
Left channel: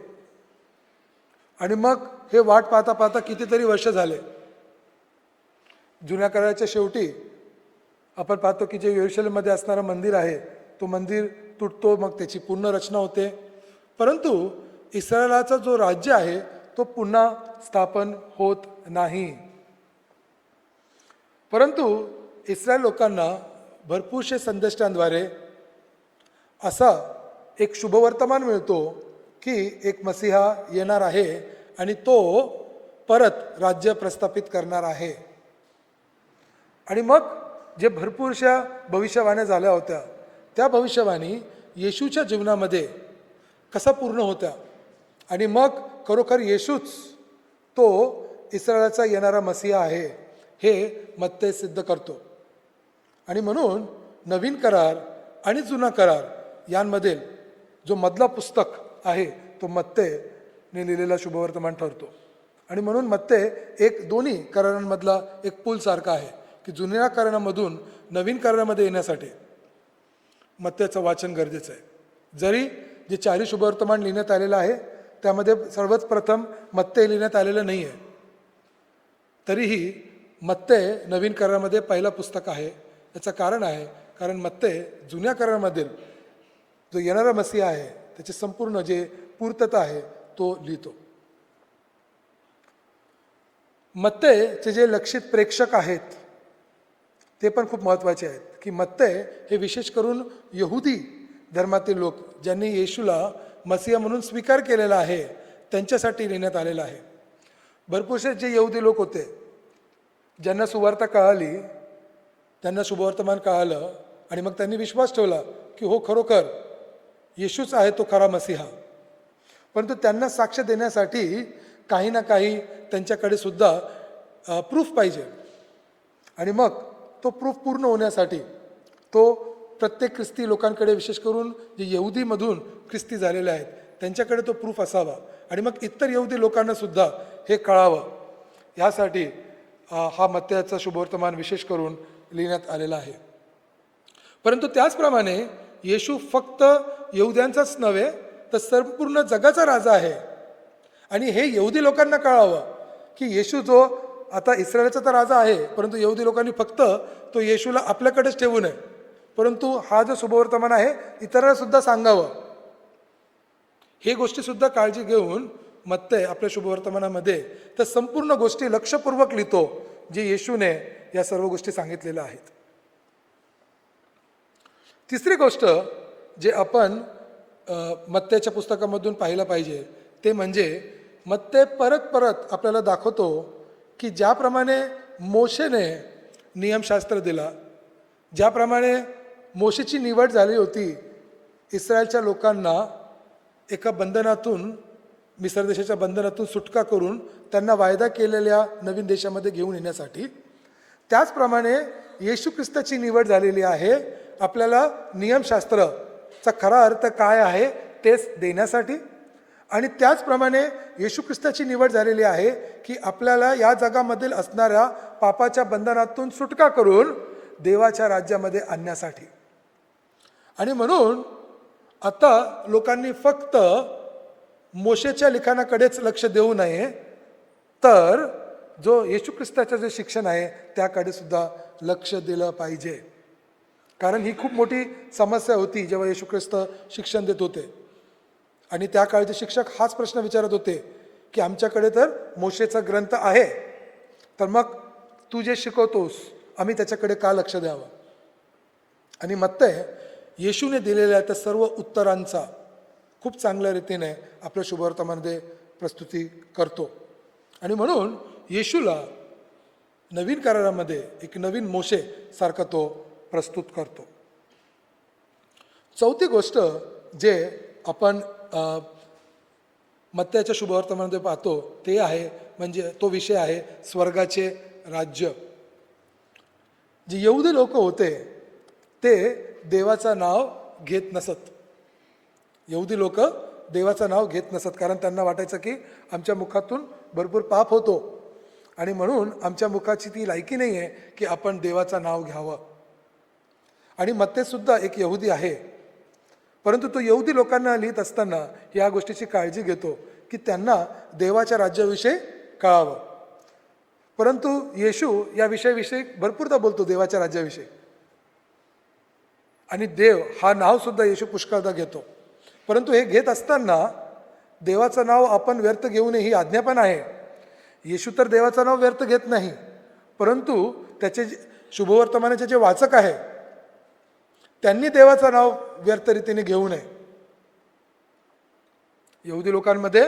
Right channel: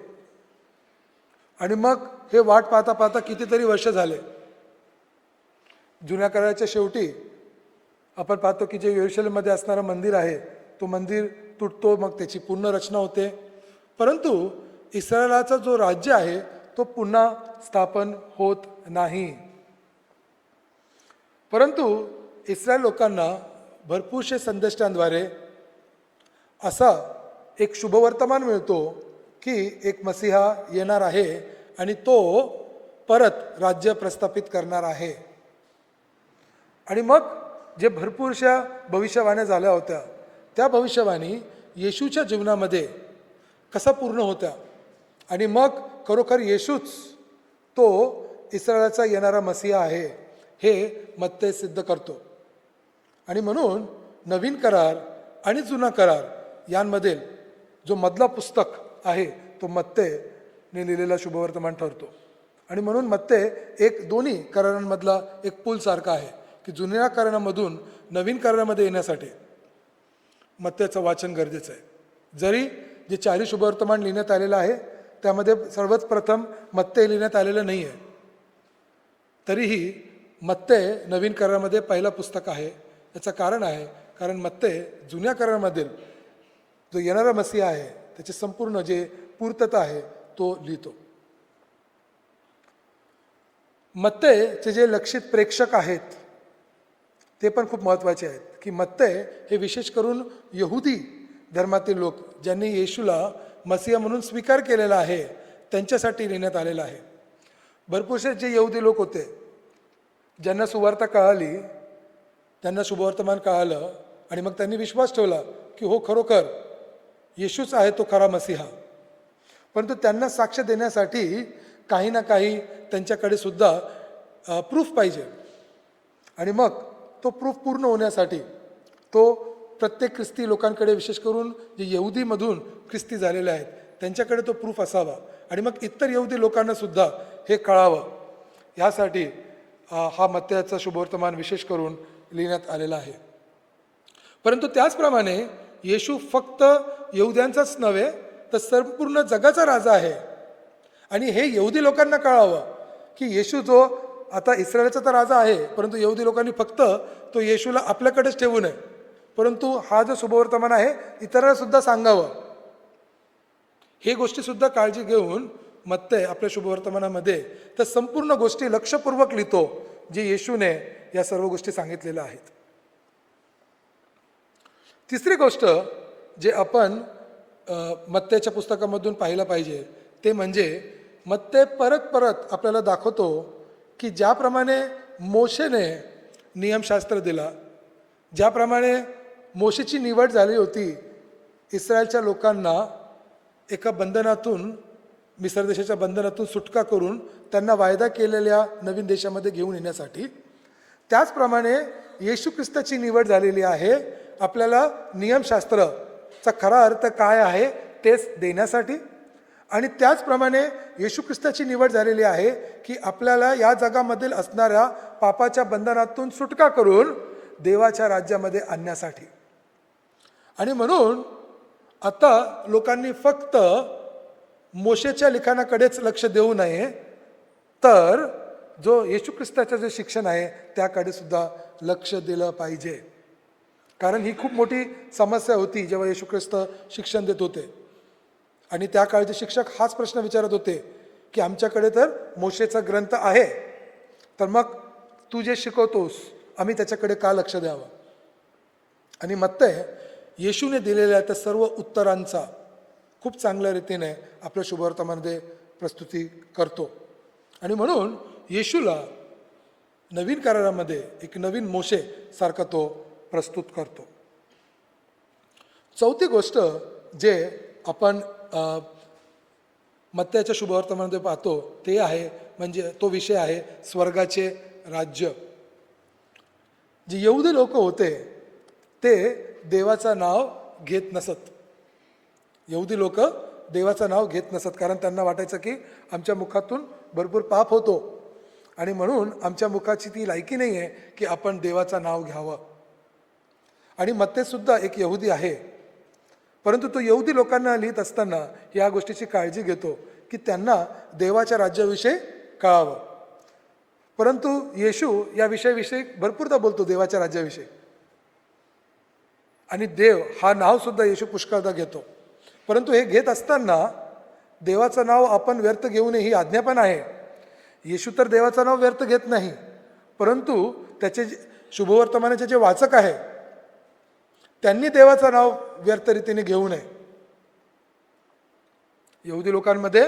आणि मग हे वाट पाहता पाहता कितीतरी वर्ष झाले. जुन्या कराराच्या शेवटी आपण पाहतो की जे येरुशलेममध्ये असणारं मंदिर आहे तो मंदिर तुटतो, मग त्याची पुन्हा रचना होते. परंतु इस्रायलाचा जो राज्य आहे तो पुन्हा स्थापन होत नाही. परंतु इस्रायल लोकांना भरपूरशे संदेष्टांद्वारे असा एक शुभवर्तमान मिळतो की एक मसीहा येणार आहे आणि तो परत राज्य प्रस्थापित करणार आहे. आणि मग जे भरपूरशा भविष्यवाण्या झाल्या होत्या त्या भविष्यवाणी येशूच्या जीवनामध्ये कसा पूर्ण होत्या आणि मग खरोखर येशूच तो इस्रायलाचा येणारा मसीहा आहे हे मत्ते सिद्ध करतो. आणि म्हणून नवीन करार आणि जुना करार यांमध्ये जो मधला पुस्तक आहे तो मत्तेने लिहिलेला शुभवर्तमान ठरतो. आणि म्हणून मत्ते एक दोन्ही करारांमधला एक पूल सारखा आहे की जुन्या करारामधून नवीन करारामध्ये येण्यासाठी मत्तेचं वाचन गरजेचं आहे. जरी जे 4 शुभवर्तमान लिहिण्यात आलेलं आहे त्यामध्ये सर्वात प्रथम मत्ते लिहिण्यात आलेलं नाही आहे, तरीही मत्ते नवीन करारामध्ये पहिला पुस्तक आहे. याचं कारण आहे कारण मत्ते जुन्या करारामधील जो येणारा मसीहा आहे त्याची संपूर्ण जे पूर्तता आहे तो लिहितो. मत्तेचे जे लक्षित प्रेक्षक आहेत ते पण खूप महत्त्वाचे आहेत की मत्ते हे विशेष करून यहुदी धर्मातील लोक ज्यांनी येशूला मसीहा म्हणून स्वीकार केलेला आहे त्यांच्यासाठी लिहिण्यात आलेलं आहे. भरपूरसे जे यहुदी लोक होते ज्यांना सुवार्ता कळाली, त्यांना शुभवर्तमान कळालं आणि मग त्यांनी विश्वास ठेवला की हो खरोखर येशूच आहे तो खरा मसीहा. परंतु त्यांना साक्ष देण्यासाठी काही ना काही त्यांच्याकडे सुद्धा प्रूफ पाहिजे. आणि मग तो प्रूफ पूर्ण होण्यासाठी तो प्रत्येक ख्रिस्ती लोकांकडे, विशेष करून जे यहुदीमधून ख्रिस्ती झालेले आहेत त्यांच्याकडे तो प्रूफ असावा आणि मग इतर यहुदी लोकांना सुद्धा हे कळावं यासाठी हा मत्तेचा शुभवर्तमान विशेष करून लिहिण्यात आलेला आहे. परंतु त्याचप्रमाणे येशू फक्त यहुद्यांचाच नव्हे तर संपूर्ण जगाचा राजा आहे. आणि हे यहुदी लोकांना कळावं की येशू जो आता इस्रायलचा तर राजा आहे परंतु यहुदी लोकांनी फक्त तो येशूला आपल्याकडेच ठेवू नये, परंतु हा जो शुभवर्तमान आहे इतरांना सुद्धा सांगावं. हे गोष्टी सुद्धा काळजी घेऊन मत्ते आपल्या शुभवर्तमानामध्ये तर संपूर्ण गोष्टी लक्षपूर्वक लिहितो जे येशूने या सर्व गोष्टी सांगितलेल्या आहेत. तिसरी गोष्ट जे आपण मत्तेच्या पुस्तकामधून पाहिलं पाहिजे ते म्हणजे मत्ते परत परत आपल्याला दाखवतो की ज्याप्रमाणे मोशेने नियमशास्त्र दिला, ज्याप्रमाणे मोशेची निवड झाली होती इस्रायलच्या लोकांना एका बंधनातून, मिस्र देशाच्या बंधनातून सुटका करून त्यांना वायदा केलेल्या नवीन देशामध्ये घेऊन येण्यासाठी, त्याचप्रमाणे येशू ख्रिस्ताची निवड झालेली आहे आपल्याला नियमशास्त्राचा खरा अर्थ काय आहे तेच देण्यासाठी. आणि त्याचप्रमाणे येशू ख्रिस्ताची निवड झालेली आहे की आपल्याला या जगामधील असणाऱ्या पापाच्या बंधनातून सुटका करून देवाच्या राज्यामध्ये आणण्यासाठी. आणि म्हणून आता लोकांनी फक्त मोशेच्या लिखाणाकडेच लक्ष देऊ नये, तर जो येशू ख्रिस्ताचं जे शिक्षण आहे त्याकडे सुद्धा लक्ष दिलं पाहिजे. कारण ही खूप मोठी समस्या होती जेव्हा येशू ख्रिस्त शिक्षण देत होते. आणि त्या काळचे शिक्षक हाच प्रश्न विचारत होते की आमच्याकडे तर मोशेचा ग्रंथ आहे, तर मग तू जे शिकवतोस आम्ही त्याच्याकडे का लक्ष द्यावं. आणि मत्तय येशूने दिलेल्या त्या सर्व उत्तरांचा खूप चांगल्या रीतीने आपल्या शुभवर्तमानामध्ये प्रस्तुती करतो. आणि म्हणून येशूला नवीन करारामध्ये एक नवीन मोशे सारखा तो प्रस्तुत करतो. चौथी गोष्ट जे आपण मत्तयाच्या शुभवर्तमानामध्ये पाहतो ते आहे म्हणजे तो विषय आहे स्वर्गाचे राज्य. जे यहुदी लोक होते ते देवाचं नाव घेत नसत. यहुदी लोक देवाचं नाव घेत नसत कारण त्यांना वाटायचं की आमच्या मुखातून भरपूर पाप होतो आणि म्हणून आमच्या मुखाची ती लायकी नाही आहे की आपण देवाचं नाव घ्यावं. आणि मत्ते सुद्धा एक यहुदी आहे, परंतु तो यहुदी लोकांना लिहित असताना या गोष्टीची काळजी घेतो की त्यांना देवाच्या राज्याविषयी कळावं. परंतु येशू या विषयाविषयी भरपूरदा बोलतो, देवाच्या राज्याविषयी. आणि देव हा नाव सुद्धा येशू पुष्कळदा घेतो. परंतु हे घेत असताना देवाचं नाव आपण व्यर्थ घेऊ नये ही आज्ञा पण आहे. येशू तर देवाचं नाव व्यर्थ घेत नाही, परंतु त्याचे शुभवर्तमानाचे जे वाचक आहे त्यांनी देवाचं नाव व्यर्थ रीतीने घेऊ नये. यहुदी लोकांमध्ये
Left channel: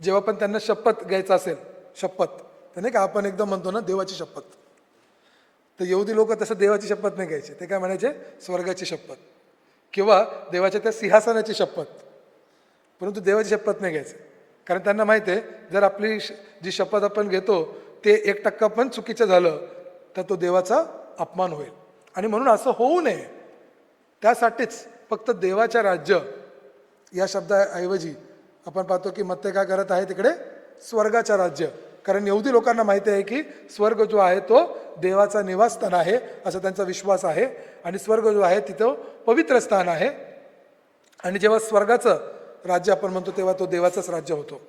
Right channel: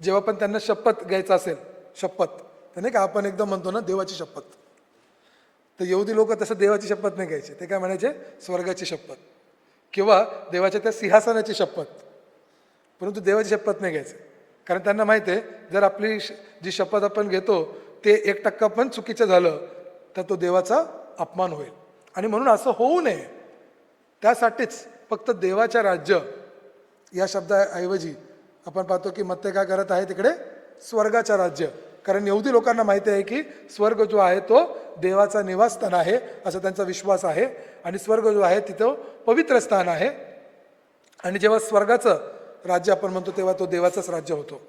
जेव्हा पण त्यांना शपथ घ्यायचं असेल, शपथ तर नाही का आपण एकदम म्हणतो ना देवाची शपथ, तर यहुदी लोक तसं देवाची शपथ नाही घ्यायचे. ते काय म्हणायचे, स्वर्गाची शपथ किंवा देवाच्या त्या सिंहासनाची शपथ. परंतु देवाची शपथ नाही घ्यायचं, कारण त्यांना माहिती आहे जर आपली जी शपथ आपण घेतो ते 1% पण चुकीचं झालं तर तो देवाचा अपमान होईल. आणि म्हणून असं होऊ नये त्यासाठीच फक्त देवाच्या राज्य या शब्दाऐवजी आपण पाहतो की मत्ते काय करत आहे तिकडे स्वर्गाच्या राज्य. कारण यहुदी लोकांना माहिती आहे की स्वर्ग जो आहे तो देवाचा निवासस्थान आहे असा त्यांचा विश्वास आहे. आणि स्वर्ग जो आहे तिथं पवित्र स्थान आहे. आणि जेव्हा स्वर्गाचं राज्य आपण म्हणतो तेव्हा तो देवाचंच राज्य होतो.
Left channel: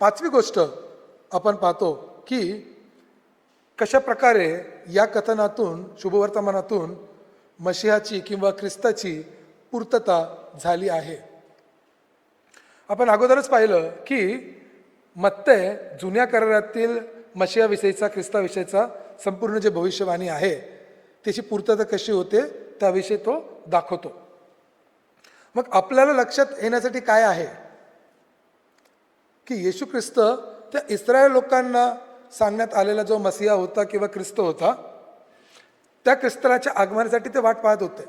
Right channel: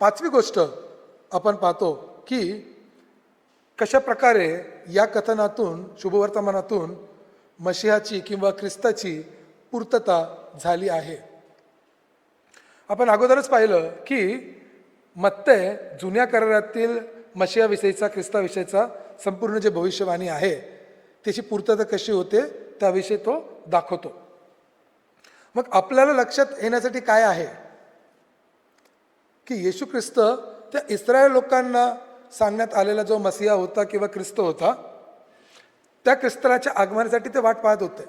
पाचवी गोष्ट आपण पाहतो की कशा प्रकारे या कथनातून शुभवर्तमानातून मशिहाची किंवा ख्रिस्ताची पूर्तता झाली आहे. आपण अगोदरच पाहिलं की मत्तय जुन्या करारातील मशिहाविषयीचा ख्रिस्ताविषयीचा संपूर्ण जे भविष्यवाणी आहे त्याची पूर्तता कशी होते त्याविषयी तो दाखवतो. मग आपल्याला लक्षात येण्यासाठी काय आहे की येशू ख्रिस्त तर इस्रायल लोकांना सांगण्यात आलेला जो मसिहा होता किंवा ख्रिस्त होता त्या ख्रिस्ताच्या आगमनासाठी ते वाट पाहत होते.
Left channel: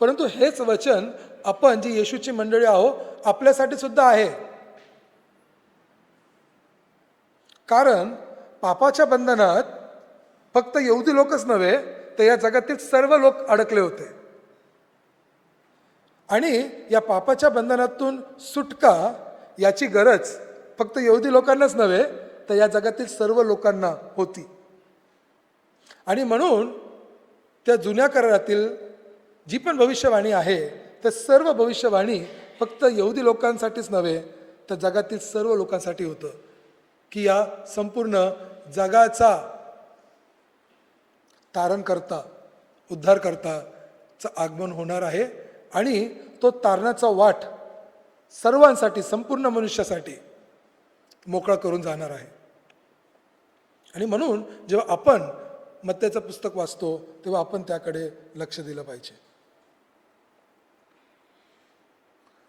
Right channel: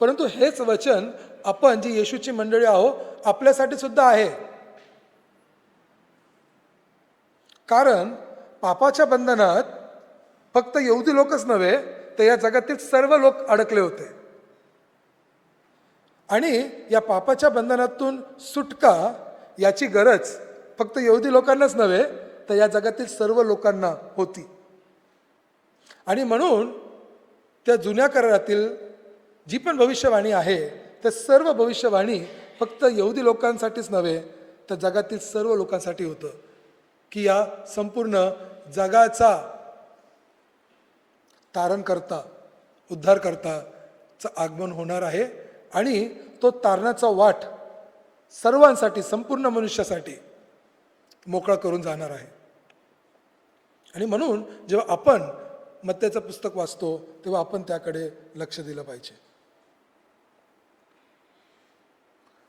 परंतु हेच वचन आपण जी येशूची मंडळी आहोत आपल्यासाठी सुद्धा आहे. कारण पापाच्या बंधनात फक्त यहुदी लोकच नव्हे तर या जगातील सर्व लोक अडकले होते. आणि या पापाच्या बंधनातून सुटका याची गरज फक्त यहुदी लोकांनाच नव्हे तर या जगातील सर्व लोकांना होती. आणि म्हणून त्या जुन्या करारातील जी पण भविष्यवाणी आहे तर सर्व भविष्यवाणी फक्त यहुदी लोकांसाठीच नव्हे तर जगातील सर्व लोकांसाठी होतं की या संपूर्ण जगाचा तारणकर्ता उद्धारकर्ताचं आगमन होणार आहे. आणि तो तारणाचा वाट सर्वांसाठी संपूर्ण मनुष्यासाठी मोकळा करून जाणार आहे. आणि म्हणून जेव्हा आपण मत्त्याचं पुस्तक वाचतो तेव्हा आपण त्याकडे लक्ष दिलं पाहिजे.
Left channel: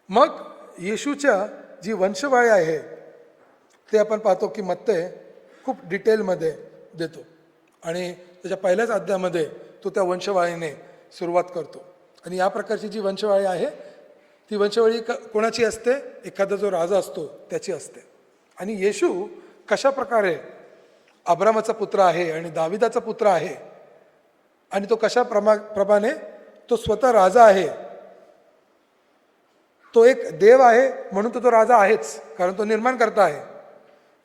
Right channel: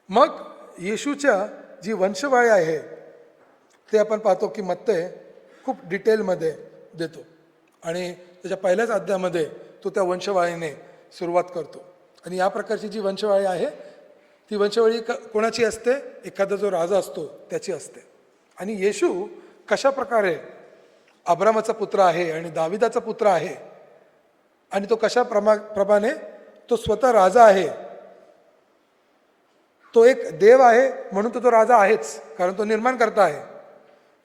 मग येशूच्या जी वंशवाळी आहे ते आपण पाहतो की मत्तय खूप डिटेलमध्ये देतो आणि त्याच्या पहिल्याच अध्यायामध्ये तो त्या वंशवाळीने सुरुवात करतो. आणि या प्रकारची जी वंशवाळी आहे ती वंशवाळी कोणाची असते? एखादा जो राजा असतो त्याची असते. आणि येशू कशा प्रकारे अब्रामाचा पुत्र आहे आणि दाविदाचा पुत्र आहे आणि तो कशा प्रमाणे तो स्वतः राजा आहे. तो एक देव आहे म्हणून तो राजा आहेच, कारण तो निर्माण करता आहे.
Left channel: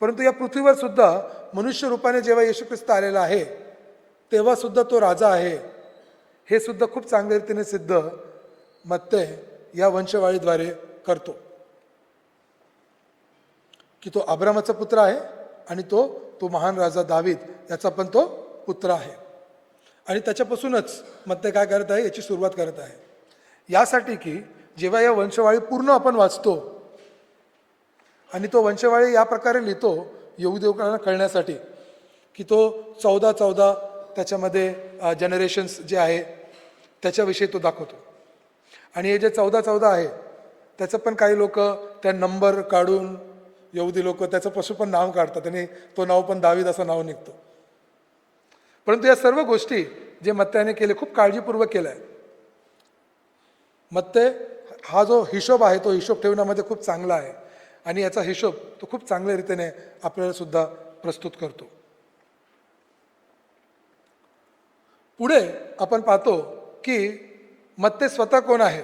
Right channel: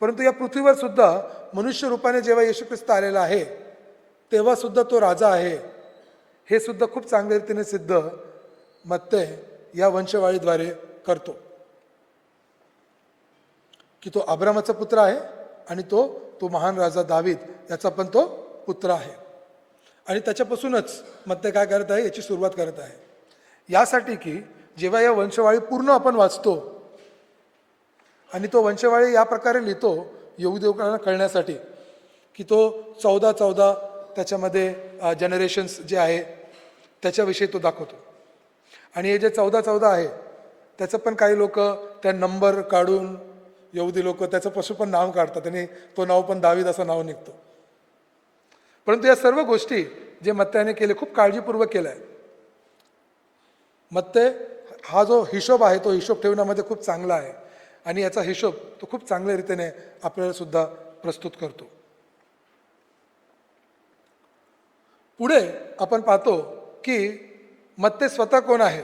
परंतु या पृथ्वीवर सुद्धा मनुष्य रूपाने जेव्हा येशू ख्रिस्त आलेला आहे तेव्हा सुद्धा तो राजा आहे. हे सुद्धा खूप चांगल्या रीतीने सिद्ध मत्तै या वंशवाळीद्वारे करतो की तो अब्रामाचा पुत्र आहे आणि तो महान राजा दावीद याचा पण तो पुत्र आहे. आणि त्याच्यापासूनच मत्तै काय करत आहे? याची सुरुवात करत आहे. यासाठी की जेव्हा या वंशवाळी पूर्ण आपण वाचतो आणि तो वंशवाळी या प्रकारे लिहितो यहुदेवकाला कळण्यासाठी की तो 14 त्याच्यामध्ये जनरेशन्स जे आहे त्याच्याविषयी तो दाखवतो. आणि हे जे 14 आहे त्याचं पण काही लोक त्या नंबर काढून यहुदी लोक त्याच्यापासून पण नाव काढतात आणि तो नाव पण दावीद असं नाव निघतो. परंतु या सर्व गोष्टी जे मत्तैने केले खूप काळजीपूर्वक केल्या. मत्तै हा जो हिशोब आहे तो हिशोब ठेवण्यामध्ये खूप चांगला आहे आणि याचा हिशोब तो खूप चांगल्या रीतीने आपल्याला सुद्धा प्रस्तुत करतो. पुढे आपण पाहतो की मत्तै स्वतः कोण आहे.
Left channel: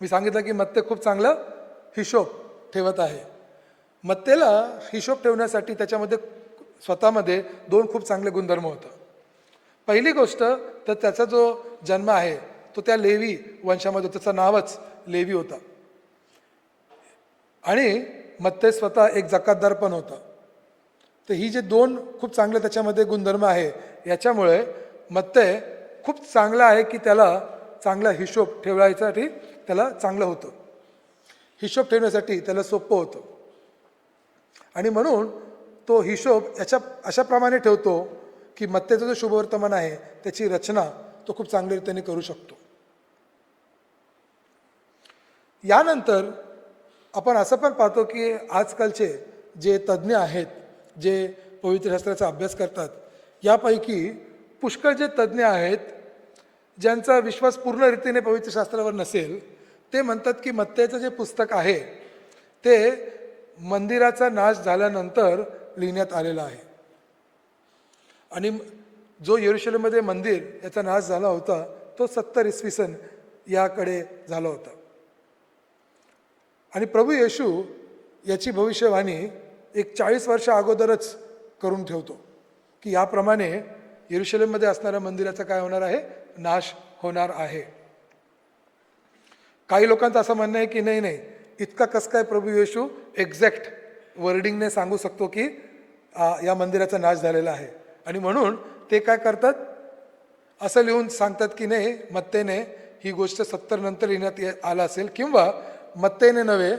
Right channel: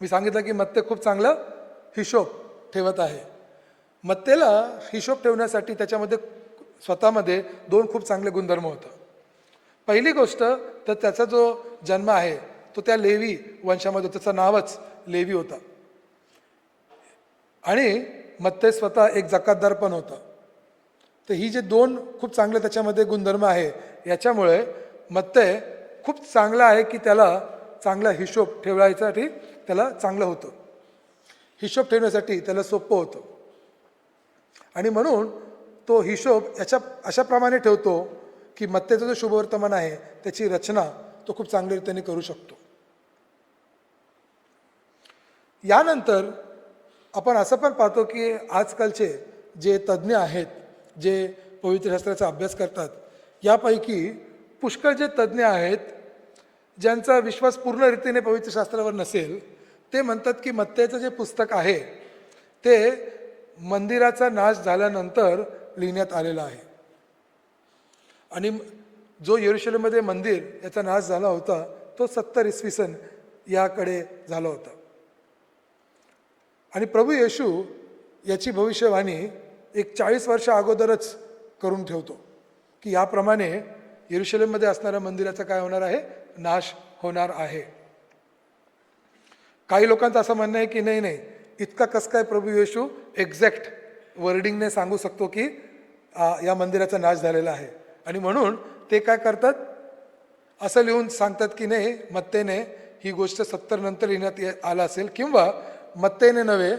मी सांगितलं की मत्तै खूप चांगला हिशोब ठेवत आहे. मत्तैला हिशोब ठेवण्यासाठी त्याच्यामध्ये स्वतःमध्ये 2 खूप चांगले गुणधर्म होते. पहिली गोष्ट तर त्याचा जो जन्म आहे तो त्या लेवी वंशामध्ये, त्याचं नावच लेवी होता. आणि मत्तै स्वतः एक जकातदार पण होता. तर ही जे 2 खूप चांगले त्याच्यामध्ये गुणधर्म आहे याच्यामुळे मत्तै खूप चांगला आहे की त्याला चांगला हिशोब ठेवायसाठी त्याला चांगलं होतं. हिशोब ठेवण्यासाठी त्याला सोपं होतं. आणि म्हणून तो हिशोब अशाप्रमाणे ठेवतो की मत्तैचं जो शुभवर्तमान आहे त्याची रचना तो खूप चांगल्या रीतीने करू शकतो. यानंतर आपण असं पण पाहतो की आजकालचे जे तज्ज्ञ आहेत जे पवित्र शास्त्राचा अभ्यास करतात यापैकी पुष्कळ जे तज्ज्ञ आहेत ज्यांचा विश्वास पूर्ण रीतीने पवित्र शास्त्रावर नसेल ते म्हणतात की मत्तैचं जे पुस्तक आहे ते मंदिराचा नाश झाल्यानंतर लिहिण्यात आलेलं आहे. आणि जो यरूशलेममध्ये मंदिर त्याचा नाश झाला होता तो 70 इसवी सन याकडे झाला होता. आणि प्रभू येशू याची भविष्यवाणी एक 40 वर्ष अगोदरच करून ठेवतो की याप्रमाणे यरूशलेममध्ये असणाऱ्या मंदिराचा काय होणार आहे? नाश होणार आहे. काही लोकांचं असं म्हणणं आहे की नाही इतका कसं काय प्रभू येशू एक्झॅक्ट वर्डिंगने सांगू शकतो की या मंदिराचा नाश झालेला आहे. आणि म्हणून ते काय करतात असं लिहून सांगतात की नाही मत्तैने ही गोष्ट 70 नंतर लिहिण्यात आला असेल किंवा मत्तैने नव्हे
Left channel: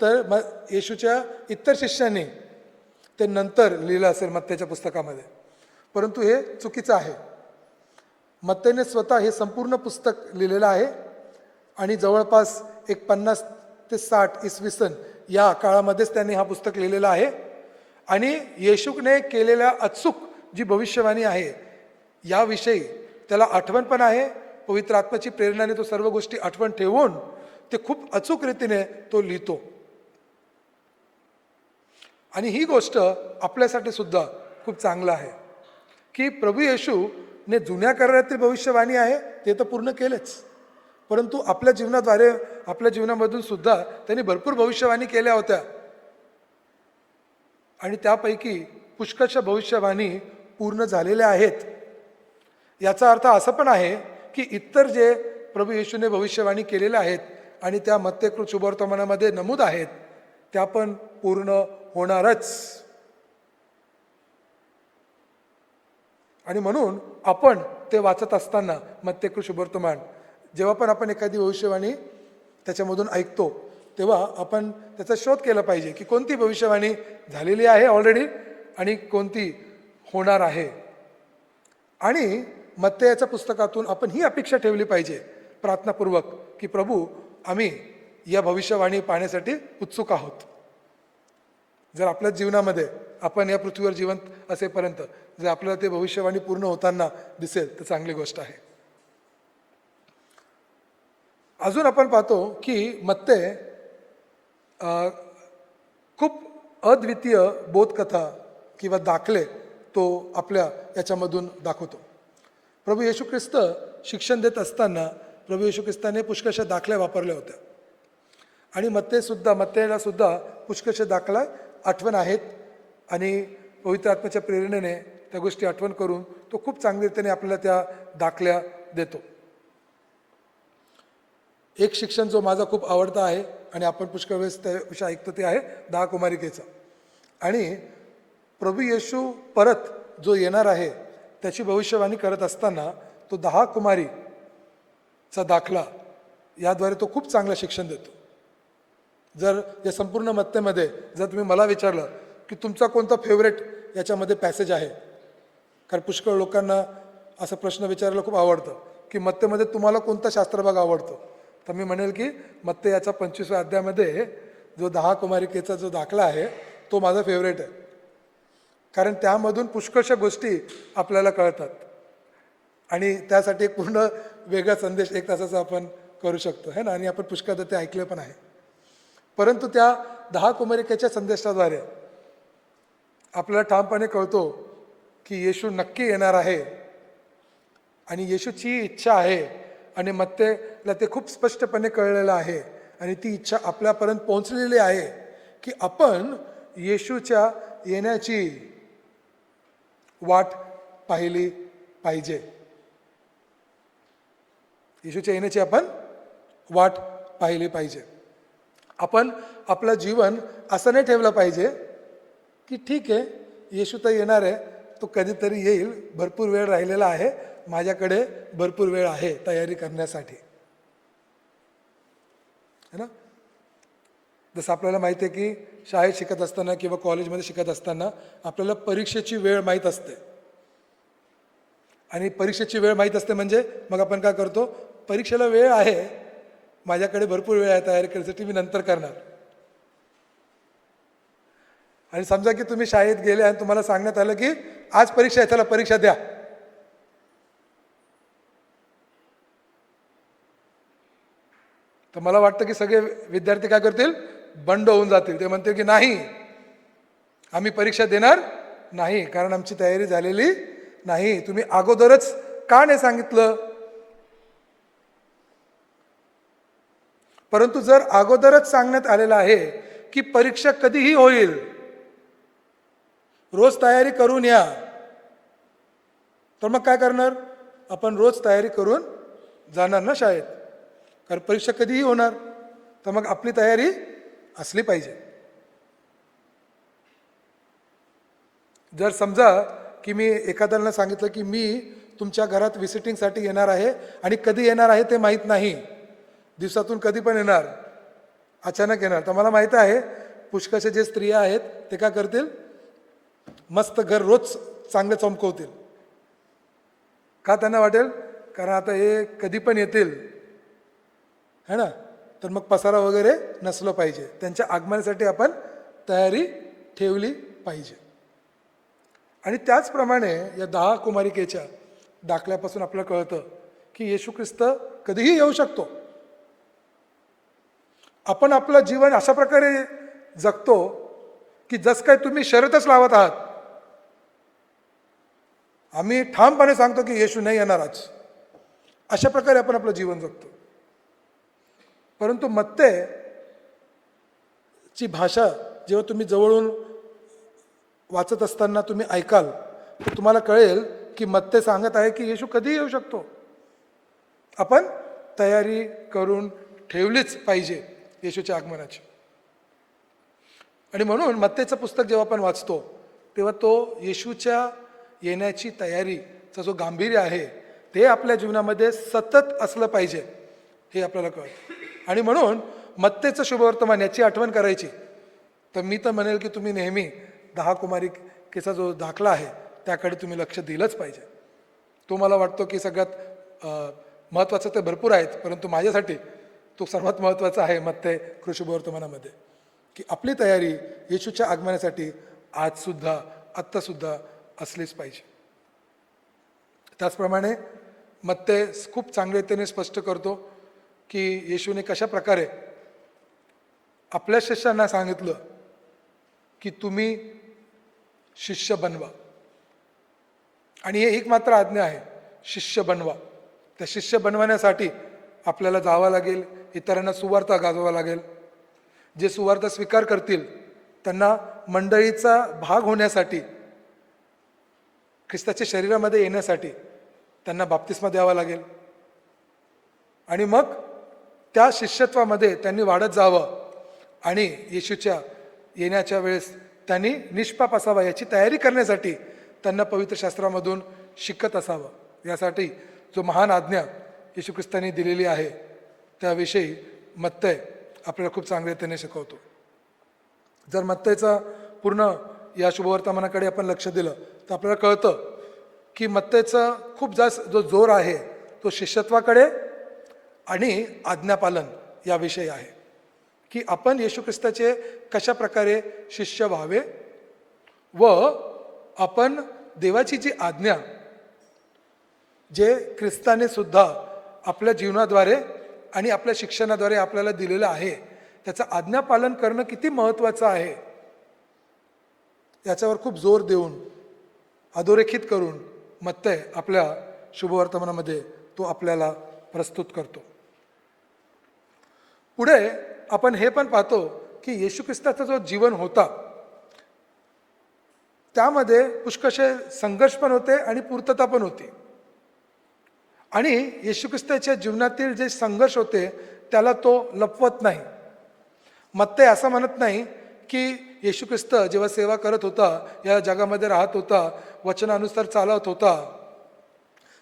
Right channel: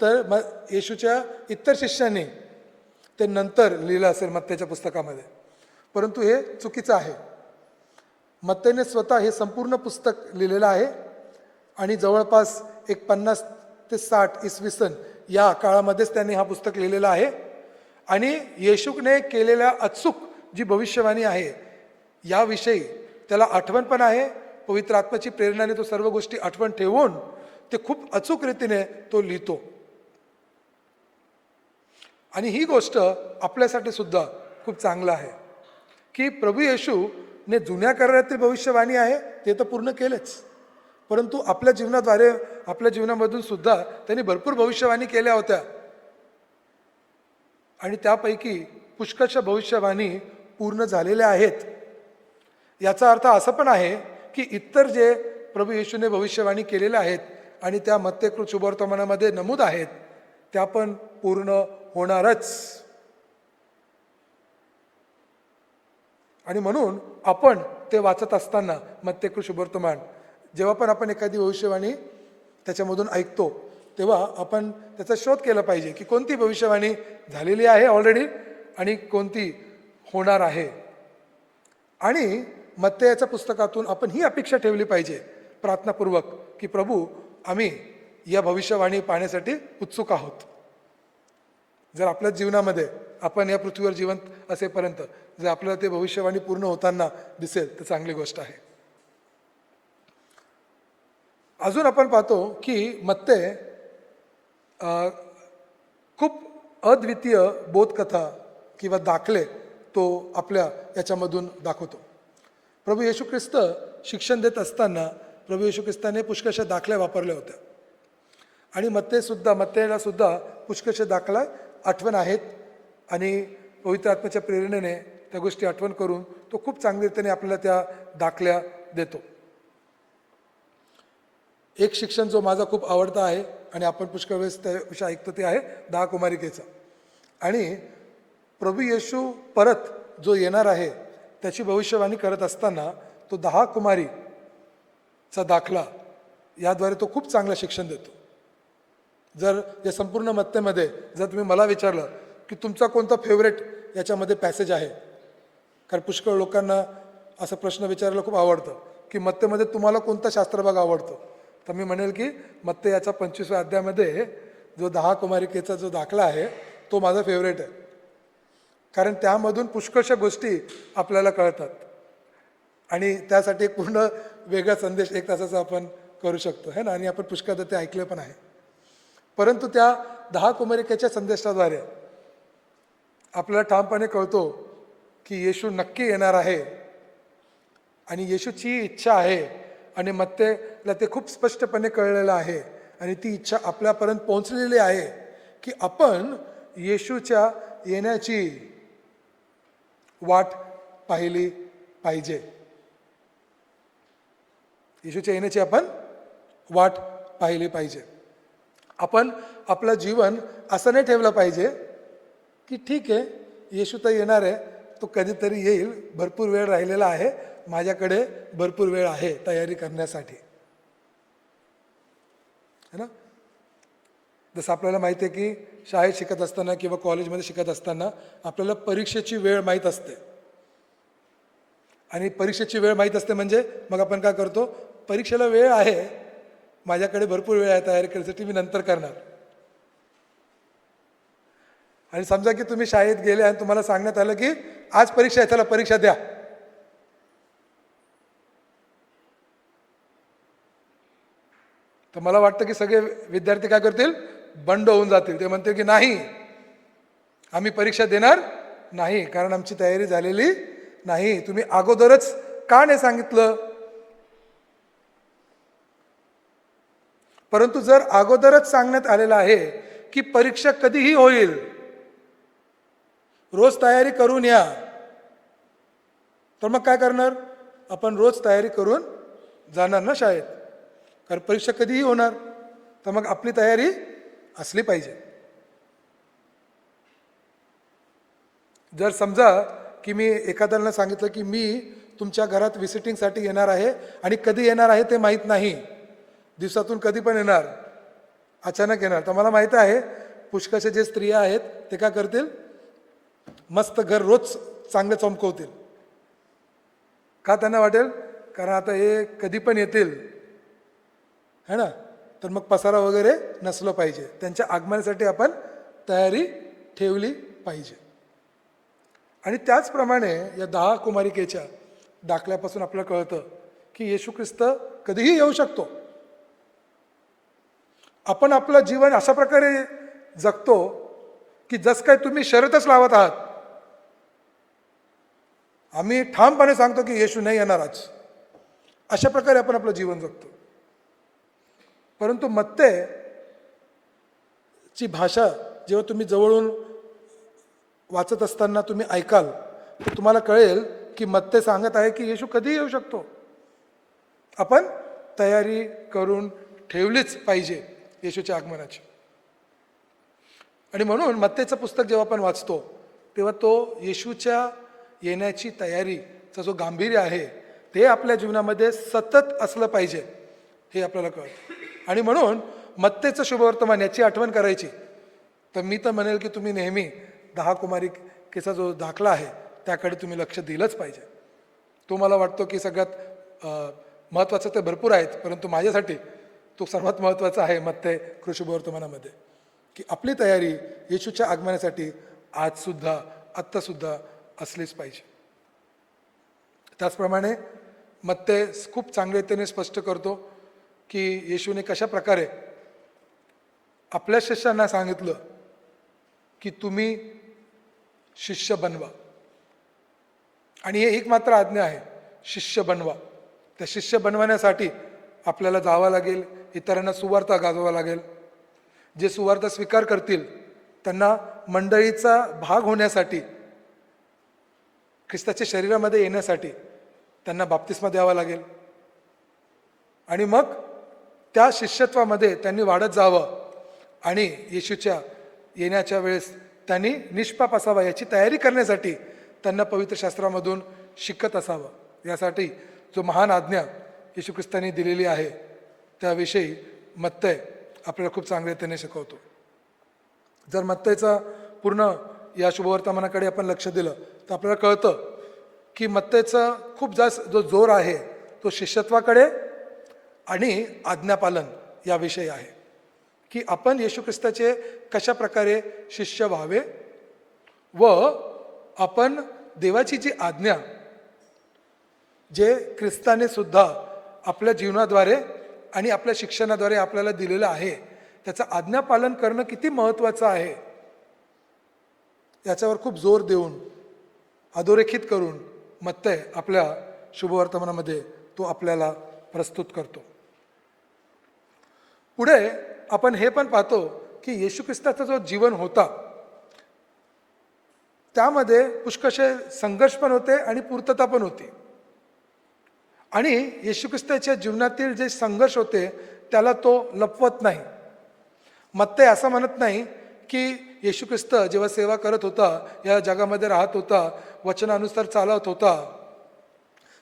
तर येशूच्या इतर शिष्यांनी ते नंतर लिहिलं असेल मत्तैच्या पुस्तकामध्ये. परंतु हे चुकीचं आहे. मत्तैने स्वतः हे संपूर्ण पुस्तक लिहिलेलं आहे आणि जवळपास एक 50 ते 60 इसवी सन या काळामध्येच त्यांनी हा पुस्तक लिहिलेला आहे. आणि येशूने केलेल्या अचूक जी भविष्यवाणी आहे याविषयी त्याला आठवण पण आहे. पवित्र आत्म्याची प्रेरणाने तो सर्व गोष्टी आठवण ठेवून ते खूप अचूक रीतीने तो लिहितो. आणि ही गोष्ट आपल्यासाठी सुद्धा खूप चांगलं आहे की प्रभू येशूने जुन्या करारातील भविष्यवाणी आहे ते तर पूर्ण केलेच, परंतु आपल्या जीवनाद्वारे आपल्या जीवनामधून सुद्धा त्यांनी भरपूर भविष्यवाणी केल्या होत्या. आणि त्यापैकी पुष्कळशा भविष्यवाणी पूर्ण झालेल्या आहेत. याचा अर्थ असं पण आहे की इतर जे प्रभू येशूने भविष्यवाणी केलेल्या आहेत आणि त्या मत्तैकृत शुभवर्तमानामध्ये नमूद आहेत त्या पण पूर्ण होणारच. आणि म्हणून आपण ते वाचत असताना मत्तैकृत शुभवर्तमान जेव्हा पण आपण एखादी भविष्यवाणी त्याच्यामधून ऐकतो तेव्हा आपण त्याचा शोध केला पाहिजे की कोणती भविष्यवाणी झालेली आहे ऑलरेडी आणि कोणती होणार आहे. आणि मत्तैच्या पुस्तकातून आपण ही अपेक्षा ठेवली पाहिजे प्रार्थनापूर्वक की प्रभू आम्ही या भविष्यवाणी पाहण्यासाठी उत्सुक आहोत. जर आपल्या जीवनामध्ये आपण या पृथ्वीवर जिवंत असेपर्यंत जर आपल्याला ते भविष्यवाणी पूर्ण होताना दिसेल तर चांगली गोष्ट आहे. अजून आपण पाहतो की मत्ते खूप अद्वितीय बोधकथा किंवा दाखले तो आपल्या याच्यामधून दाखवतो. प्रभू येशू ख्रिस्त शिक्षण देत असताना प्रभू येशू ख्रिस्ताने पुष्कळशे दाखले वापरले होते आणि मत्तेला सुद्धा पुष्कळशे दाखले आठवण आहेत आणि पवित्र आत्म्याच्या प्रेरणेने त्या गोष्टी आठवण करून तो खूप चांगल्या रीतीने आपल्याला त्या दाखल्या देतो. एक शिक्षण जो माझा खूप आवडता आहे आणि आपण पुष्कळ वेळेस त्या विषय ऐकतो ते आहे 10 कुमारिकेचा. आणि प्रभू येशू परत जो येणार आहे त्याची भविष्यवाणी करत असताना तो 10 कुमारीचा दाखला याद्वारे तो खूप चांगलं शिक्षण देतो. जर या संपूर्ण मत्तेमध्ये जर तुम्ही मला विचारलं की तुमचा कोणता फेवरेट याच्यामध्ये पॅसेज आहे, कारण पुष्कळ लोकांना असा प्रश्न विचारायला खूप आवडतं की मत्तेमध्ये तुम्हाला कोणता शास्त्रभाग आवडतो, तर मी म्हणेल की मत्ते याच्या 25व्या अध्यायामध्ये जो 10 कुमारिकेचा जो दाखला आहे तो माझा फेवरेट आहे. कारण त्यामधून पुष्कळशा गोष्टी आपल्याला कळतात आणि त्यासाठी एक पूर्ण वेगळा संदेश 1 तासाचा आपण करू शकतो है ना. आणि आपण पुष्कळदा ते ऐकले पण आहे. परंतु त्या 10 कुमारिकेच्या संदेशाद्वारे आपल्याला ठामपणे कळतो की येशू नक्की येणार आहे आणि येशूची इच्छा आहे आणि मत्तेला ते खूप स्पष्टपणे कळलेलं आहे आणि ती इच्छा आपल्यापर्यंत पोहोचलेली आहे की आपण येशूच्या येण्याची वाट पाहिली पाहिजे. येशूच्या येण्याची आपण वाट पाहिली पाहिजे. आपण आपलं जीवन असं नाही ठेवलं पाहिजे की ठीक आहे येशू तर येणार आहे, तो कधीतरी येईल, भरपूर वेळ राहिलेला आहे, माझ्याकडे भरपूर वेळ आहे तयारी करण्यासाठी, है ना. तसं आपल्याला माहिती आहे की शाळेत शिकत असताना किंवा कॉलेजमध्ये शिकत असताना आपल्याला परीक्षेची वेळ माहीत असते आणि परीक्षेची वेळ माहीत असते म्हणजे मग आपण काय करतो, परीक्षेला वेळ आहे, माझ्याकडे भरपूर वेळ आहे तयारी करण्यासाठी, मी नंतर करणार. आणि समजा की तुम्ही शाळेत गेले आणि तुम्हाला सांगण्यात आलं की आज परीक्षा आहे, चला परीक्षा द्या, तर मला वाटतं की सगळे विद्यार्थी काय करतील, बंड होऊन जातील. ते म्हणतील की नाही, आम्ही परीक्षा देणार नाही कारण आमची तयारी झालेली नाही. तुम्ही अगोदरच का नाही सांगितलं. परंतु जर अगोदरच सांगण्यात आलेलं आहे की परीक्षा कधीही होईल, रोज तयारी करून या, तर मग काय करणार, आपण रोज तयारी करून जाणार ना शाळेत, कारण परीक्षा कधीही होणार, तर मग आपली तयारी असली पाहिजे. जर समजा की मी एखाद्याला सांगितलं की मी तुमच्या घरात व्हिजिटिंगसाठी येणार आहे आणि कधी येणार आहे ते माहीत नाही, दिवसातून कधी पण येणार, अचानक येणार, तर मला माहित आहे पुष्कळशे जे स्त्रिया आहेत ते काय करतील, मस्त घर रोज चांगले चमकवतील. का त्यांना वाटेल, कारण आता हे कधी पण येतील है ना, तर मग पसारा वगैरे नसलं पाहिजे, त्यांच्या आगमनासाठी आपण तयारी ठेवली पाहिजे. आणि त्याचप्रमाणे या 10 कुमारिकेच्या दाखल्यापासून आपल्याला कळतं की येशू ख्रिस्त कधीही येऊ शकतो. आपण आपलं जीवन अशा प्रकारे जगतो की जस काय तुम्ही शर्यतच लावत आहात. आम्ही ठामपणे सांगतो की येशू नाही येणार आज, अशा प्रकारे आपण आपलं जीवन जगतो. परंतु मत्ते ची भाषा जेव्हा तुम्ही जवळून वाचत असताना तुम्ही ऐकाल तर तुम्हाला कळेल की मत्ते सांगत आहे की येशू कधीही येऊ शकतो, आपण तयारी करून ठेवलीच पाहिजे येशूच्या आगमनाची. आणि म्हणून मत्तेचं पुस्तक जेव्हा आपण वाचतो तेव्हा तो येशूच्या येण्याची तयारीचं जो गांभीर्य आहे ते आपल्या जीवनामध्ये सतत असलं पाहिजे हे आपल्याला कळतं. आणि म्हणून मत्तेचं शुभवर्तमान याची आठवण करायची तर मी तर म्हणेल की तुम्ही नेहमी 10 कुमारिकेचा जो दाखला आहे त्याकडे तुम्ही लक्ष दिलंच पाहिजे. तो मला वाटतं की सगळ्यात महत्त्वाचं तर भरपूर आहेत, परंतु माझ्यासाठी तो सर्वात महत्त्वाचा आहे मत्ते शुभवर्तमानामध्ये, की आपली तयारी येशूच्या आगमनासाठी आजसुद्धा आत्तासुद्धा असलीच पाहिजे. त्याचप्रमाणे मत्ते खूप चांगल्या रीतीने स्पष्ट करतो की येशूने कशा प्रकारे आपल्या शिष्यांना सांगितलं की तुम्ही शिष्य बनवा. आणि हे एक मात्र आज्ञा आहे, शिष्य बनवा. त्या शिष्य बनवण्यासाठी आपल्याला जावं लागेल, इतरांना सुवार्ता गाजवावा लागेल. जे सुवार्ता स्वीकार करतील त्यांना मंडळीचा भाग होण्यासाठी, ख्रिस्ताच्या शरीरामध्ये येण्यासाठी त्यांना बाप्तिस्मा द्यावा लागेल. आणि मग त्या शिष्यत्वामध्ये त्यांनी वाढत जावं आणि येशूच्या येण्याच्या वेळेस त्यांनी निष्पाप असावा याची तयारी करण्यासाठी त्यांना पवित्र शास्त्रामधून शिकत असावं. यासाठी जो महान आज्ञा येशू ख्रिस्ताने दिलेली आहे त्याविषयी मत्तय आपल्याला खूप चांगल्यारीतीने शिकवतो. जर मत्तयचा पूर्ण या शुभवर्तमानाकडे आपण लक्ष दिलं तर आपल्याला कळतं की मत्तयचा खूप जास्त जो जोर आहे तो शिष्यत्वाकडे आणि आज्ञापालन याविषयी आहे, की आपण येशू ख्रिस्ताचे कशा प्रकारे शिष्य व्हावे व आपण देवाची जी आज्ञा जे ख्रिस्ताने सुद्धा आपल्या जीवनाद्वारे आणि आपल्या शिक्षणाद्वारे आपल्याला दिलेलं आहे त्याचं आज्ञापालन करणं किती महत्त्वाचं आहे याच्यावर खूप जोर देऊन अधोरेखित करून मत्तय आपल्या शुभवर्तमानामध्ये तो आपल्याला प्रस्तुत करतो. पुढे आपण हे पण पाहतो की येशू ख्रिस्ताचा जो जीवन होता त्यामध्ये पुष्कळसे संघर्ष पण होते आणि पूर्तता पण होती. आणि येशू ख्रिस्ताच्या जीवनातील जे संघर्ष होते त्याला तो लपवत नाही. मत्तय असं म्हणत नाही की येशू ख्रिस्त जेव्हा सेवा करत होता, या जगामध्ये राहत होता, वचनानुसार चालत होता,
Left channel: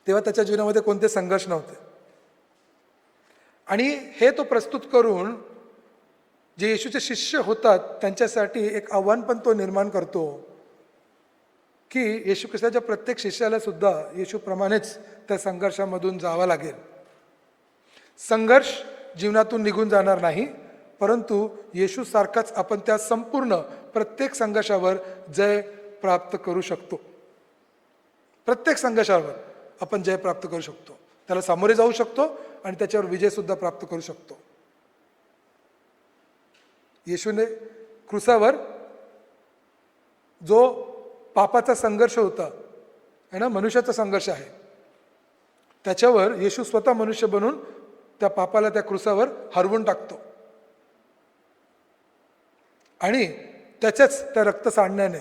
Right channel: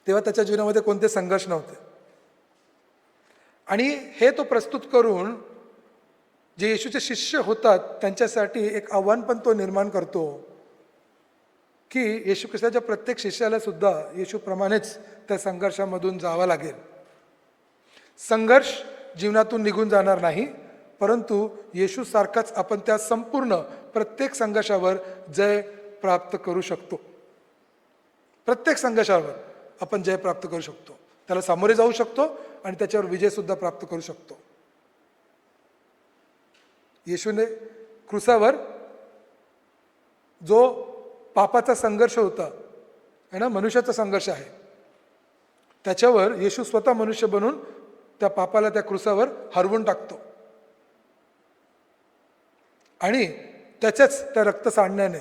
तेव्हा त्याच्या जीवनामध्ये कोणते संघर्ष नव्हते. आणि हे तो प्रस्तुत करून जे येशूचे शिष्य होतात त्यांच्यासाठी एक आव्हान पण तो निर्माण करतो की येशू ख्रिस्ताच्या प्रत्येक शिष्याला सुद्धा येशूप्रमाणेच त्या संघर्षामधून जावं लागेल. संघर्ष जीवनातून निघून जाणार नाही, परंतु येशू सारखाच आपण त्या संपूर्ण प्रत्येक संघर्षावर जय प्राप्त करू शकतो. प्रत्येक संघर्षावर आपण जय प्राप्त करू शकतो, त्याला सामोरे जाऊ शकतो आणि त्याच्यावर विजय सुद्धा प्राप्त करू शकतो. येशूने क्रूसावर जो पापाचा संघर्ष होता है ना, मनुष्याचा संघर्ष आहे, त्याच्यावर येशू स्वतः मनुष्य बनून त्या पापाला त्या क्रूसावर हरवून टाकतो. आणि त्याच्याच त्या रक्त सांडण्याने,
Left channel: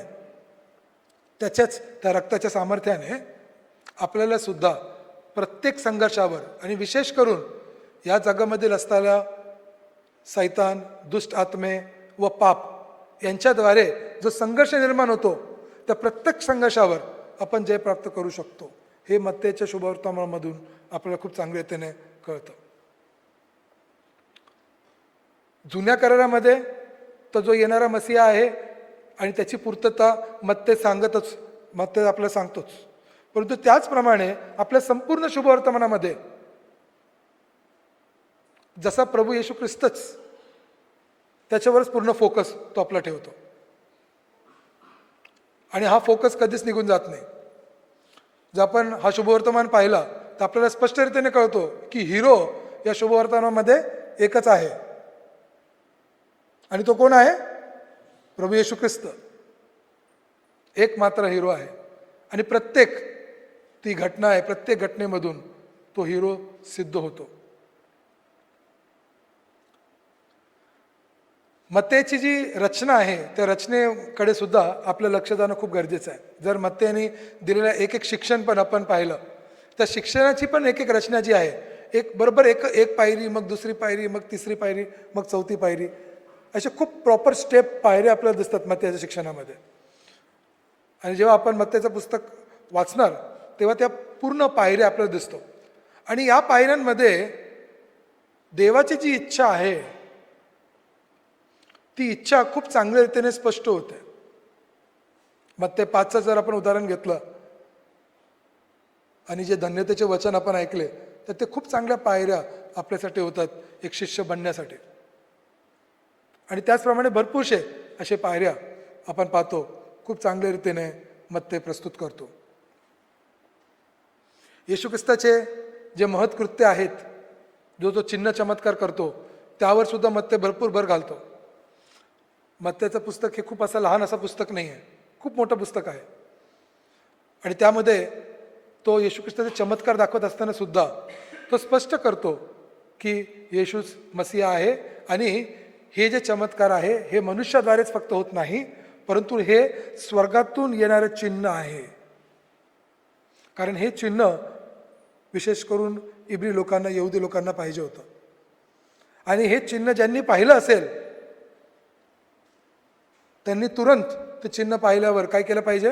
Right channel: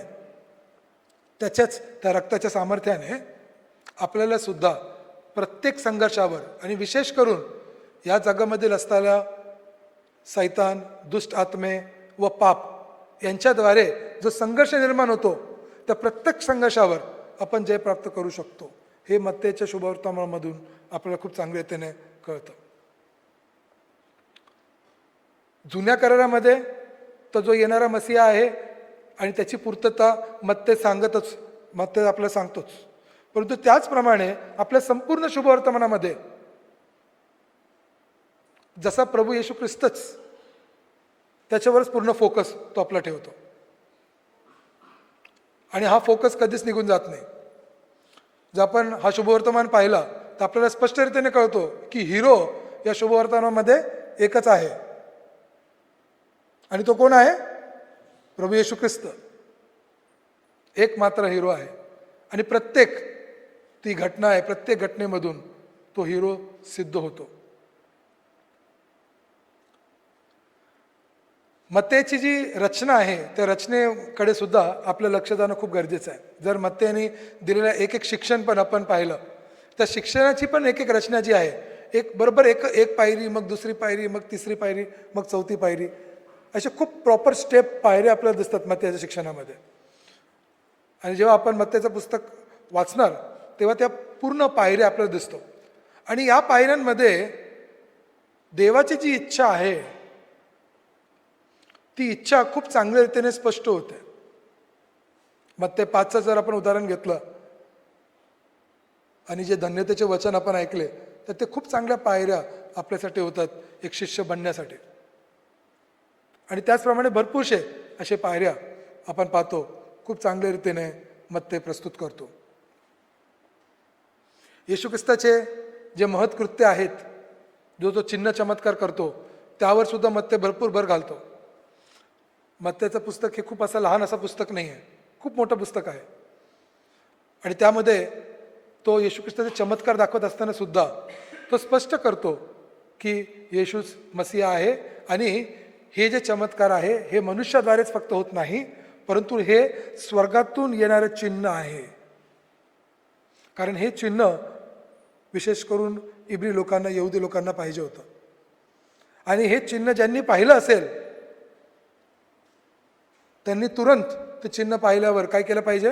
त्याच्याच त्या रक्ताच्या सामर्थ्याने आपल्याला सुद्धा प्रत्येक संघर्षावर आणि विशेष करून या जगामधील असलेल्या सैतान, दुष्ट आत्मे व पाप यांच्याद्वारे जो संघर्ष निर्माण होतो त्या प्रत्येक संघर्षावर आपण जय प्राप्त करू शकतो. हे मत्तयच्या शुभवर्तमानामधून आपल्याला खूप चांगल्यारीतीने कळतं. जुन्या करारामध्ये तो जो येणारा मसीहा आहे आणि त्याची पूर्तता मत्तय सांगतच, मत्तय आपल्याला सांगतोच, परंतु त्याचप्रमाणे आपल्या संपूर्ण शुभवर्तमानामध्ये जसा प्रभू येशू ख्रिस्तच त्याच्यावरच पूर्ण फोकस तो आपला ठेवतो आणि हा फोकस कधीच निघून जात नाही. जर आपण हा शुभवर्तमान पाहिला तर आपल्याला स्पष्टरीतीने कळतो की हिरो या शुभवर्तमानामध्ये एकच आहे आणि तो कोण आहे? प्रभू येशू ख्रिस्त. एक मात्र हिरो आहे आणि प्रत्येक ती घटना आहे, प्रत्येक घटनेमधून तो हिरो सिद्ध होतो. मत्तयची जी रचना आहे त्या रचनेकडे सुद्धा आपलं लक्ष देणं खूप गरजेचं आहे. जर मत्तयाने दिलेलं एक एक शिक्षण पण आपण पाहिलं तर शिक्षणाची पण एक एक रचना जी आहे, एक बरोबर एक पायरी, मग दुसरी पायरी, मग तिसरी पायरी, मग चौथी पायरी, अशा खूप प्रॉपर स्टेप पायऱ्या आपल्याला दिसतात मत्तयाच्या शिक्षणामध्ये. आणि जेव्हा आपण मत्तयाचं पुस्तक वाचणार तेव्हा त्या पूर्ण पायऱ्या आपल्याला दिसतो आणि या पायऱ्यांमध्ये देवाची जी इच्छा आहे ती इच्छा खूप चांगल्या रीतीने स्पष्ट होते. मत्तय 5चं जर आपण उदाहरण घेतलं आणि जे धन्यतेचे वचन आपण ऐकले तर ते खूप चांगल्या पायऱ्या आपल्यासाठी होतात एक शिष्य बनण्यासाठी. आणि त्याचप्रमाणे भरपूरशे असे पायऱ्या आपण पाहतो खूप चांगल्या रीतीने मत्तय प्रस्तुत करतो. येशू ख्रिस्ताचे जे महत्कृत्य आहेत, जो जो चिन्ह चमत्कार करतो त्यावर सुद्धा मत्ते भरपूर भर घालतो. मत्तेचं पुस्तक हे खूप असं लहान असं पुस्तक नाही आहे, खूप मोठं पुस्तक आहे. आणि त्यामध्ये तो येशू ख्रिस्ताचे चमत्कार दाखवत असताना सुद्धा तो स्पष्ट करतो की येशूच मसीहा आहे आणि हे जे चमत्कार आहे हे मनुष्याद्वारेच फक्त होत नाही, परंतु हे स्वर्गातून येणारे चिन्ह आहे. कारण हे चिन्ह विशेष करून इब्री लोकांना, यहुदी लोकांना पाहिजे होतं. आणि हे चिन्ह ज्यांनी पाहिलं असेल त्यांनी तुरंत ते चिन्ह पाहिल्यावर काय केलं पाहिजे?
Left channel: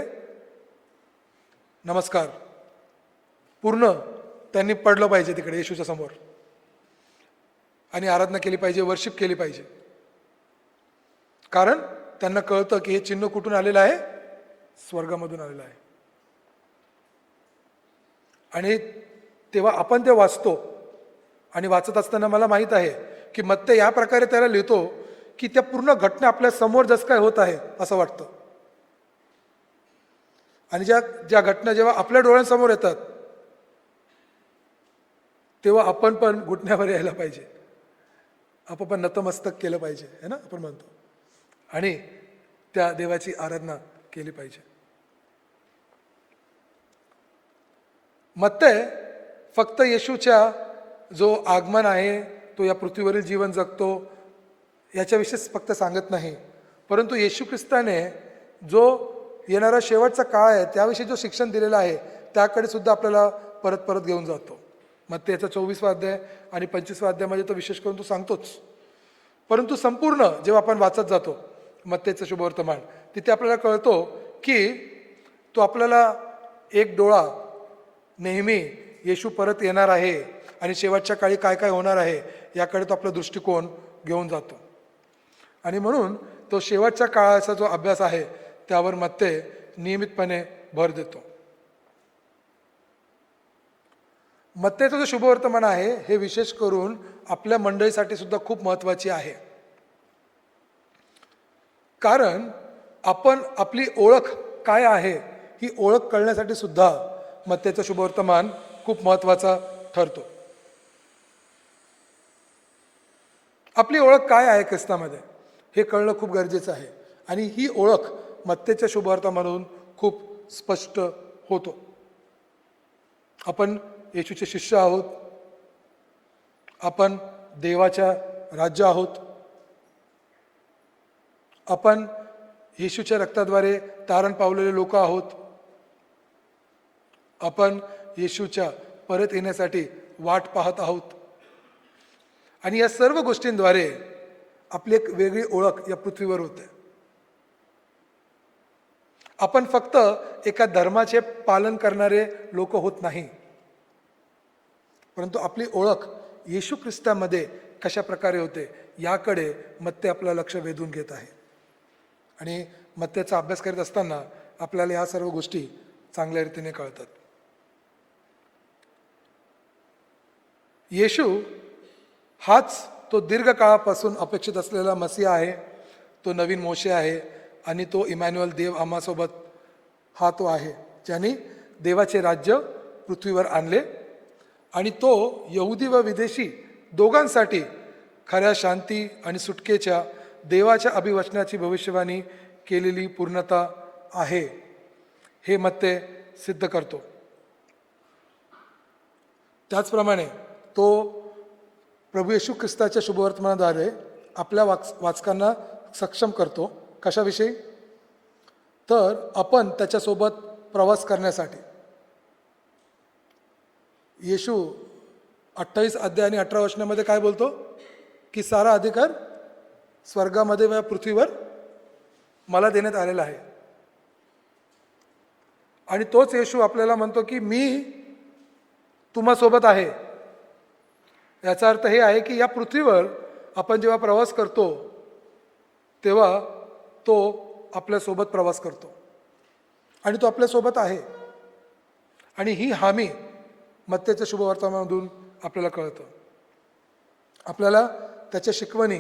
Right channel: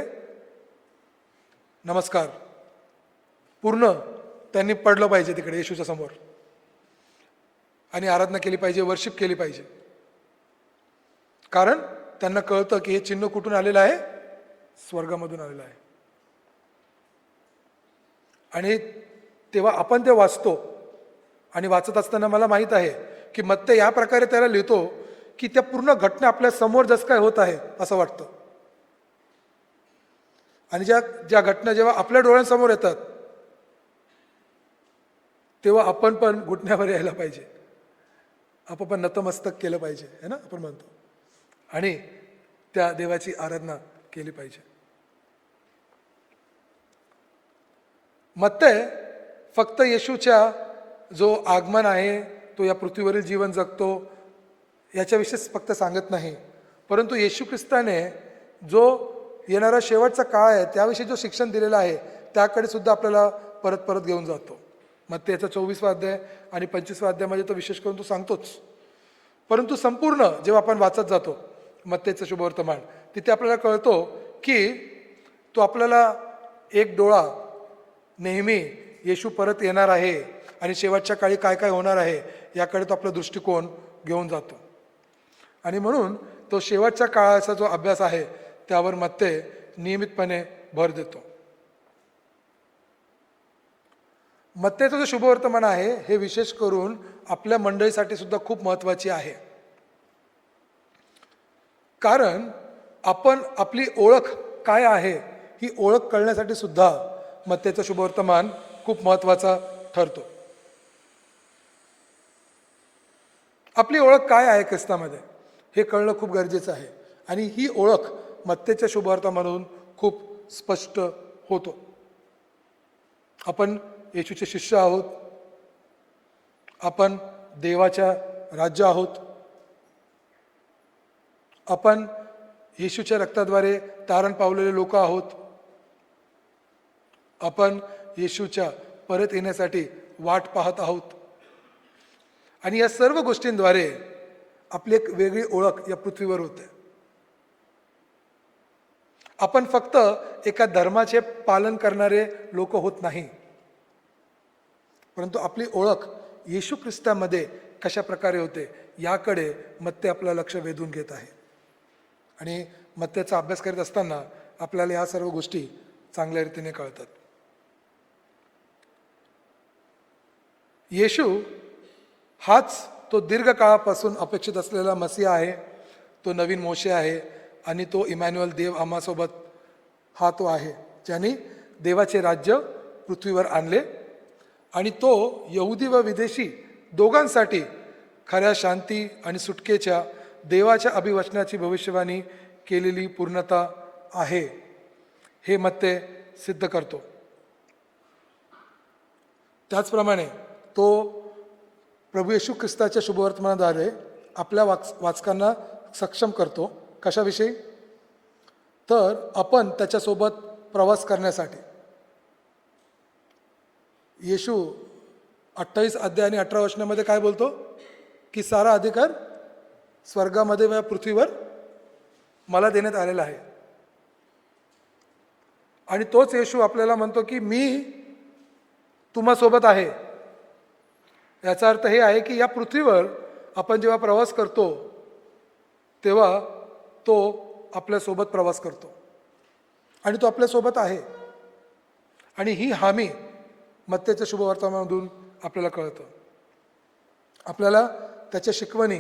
नमस्कार पूर्ण त्यांनी पडलं पाहिजे तिकडे येशूच्या समोर आणि आराधना केली पाहिजे, वर्शिप केली पाहिजे. कारण त्यांना कळतं की हे चिन्ह कुठून आलेलं आहे? स्वर्गामधून आलेलं आहे. आणि तेव्हा आपण ते वाचतो आणि वाचत असताना मला माहित आहे की मत्ते या प्रकारे त्याला लिहितो की त्या पूर्ण घटना आपल्या समोर जसं काय होत आहे असं वाटतं. आणि ज्या घटना जेव्हा आपल्या डोळ्यांसमोर येतात तेव्हा आपण पण घुटण्यावर यायला पाहिजे, आपण नतमस्तक केलं पाहिजे, है ना आपण म्हणतो, आणि त्या देवाची आराधना केली पाहिजे. मत्ते फक्त येशूच्या जो आगमन आहे, तो या पृथ्वीवरील जीवन जगतो याच्याविषयीच फक्त सांगत नाही, परंतु येशू ख्रिस्ताने जो येणारा शेवटचा काळ आहे त्याविषयी जो शिक्षण दिलेलं आहे त्याकडे सुद्धा आपल्याला परत परत घेऊन जातो. मत्तेचा 24वा अध्याय आणि 25व्या अध्यायामध्ये तो विशेष करून तो सांगतोच. परंतु संपूर्ण जेव्हा आपण वाचत जातो मत्तेचं शुभवर्तमान, तिथे आपल्याला कळतो की तो आपल्याला एक डोळा नेहमी येशू परत येणार आहे आणि शेवटच्या काळी काय काय होणार आहे याकडे तो आपला दृष्टिकोन घेऊन जातो. आणि म्हणून तो शेवटच्या काळाचा जो अभ्यास आहे त्यावर मत्ते नियमितपणे भर देतो. मत्तेचं जो शुभवर्तमान आहे हे विशेष करून आपल्या मंडळीसाठी सुद्धा खूप महत्वाची आहे. कारण आपण आपली ओळख काय आहे ही ओळख कळण्यासाठी सुद्धा मत्तेचं शुभवर्तमान खूप महत्वाचा ठरतो. आपली ओळख काय आहे ख्रिस्तामध्ये हे कळणं खूप गरजेचं आहे आणि ही ओळख मत्तेच्या शुभवर्तमानामधून खूप स्पष्ट होतो. आपण येशूचे शिष्य आहोत, आपण देवाच्या राज्य आहोत, आपण येशूच्या रक्ताद्वारे तारण पावलेले लोक आहोत, आपण येशूच्या परत येण्यासाठी वाट पाहत आहोत. आणि या सर्व गोष्टींद्वारे आपली एक वेगळी ओळख या पृथ्वीवर होते. आपण फक्त एका धर्माचे पालन करणारे लोक होत नाही, परंतु आपली ओळख येशू ख्रिस्तामध्ये कशा प्रकारे होते याकडे मत्ते आपलं लक्ष वेधून घेत आहे. आणि मत्तेचा अभ्यास करत असताना आपल्याला या सर्व गोष्टी चांगल्या रीतीने कळतात. येशू हाच तो दीर्घ काळापासून अपेक्षित असलेला मसीहा आहे, तो नवीन मोशे आहे आणि तो इमॅन्युअल देव आम्हासोबत हा तो आहे ज्याने देवाचे राज्य पृथ्वीवर आणले. आणि तो यहुदी व विदेशी दोघांसाठी खऱ्या शांती आणि सुटकेच्या देवाच्या अभिवचनाची भविष्यवाणी केलेली पूर्णता आहे हे मत्ते सिद्ध करतो. त्याचप्रमाणे तो प्रभू येशू ख्रिस्ताच्या शुभवर्तमानाद्वारे आपल्या वाचकांना सक्षम करतो. कशाविषयी? तर आपण त्याच्यासोबत प्रवास करण्यासाठी. येशू 28 अध्याय आणि 18 वचनामध्ये काय बोलतो की सारा अधिकार स्वर्गामध्ये व पृथ्वीवर मला देण्यात आलेला आहे. आणि तोच येशू आपल्याला म्हणतो की मी तुम्हासोबत आहे. याचा अर्थ हे आहे की या पृथ्वीवर आपण जेव्हा प्रवास करतो तेव्हा तो आपल्यासोबत प्रवास करतो आणि तो आपल्यासोबत आहे. आणि ही हामी मत्तेच्या शुभवर्तमानामधून आपल्याला कळतं. आपल्याला त्याच्या शिकवणी,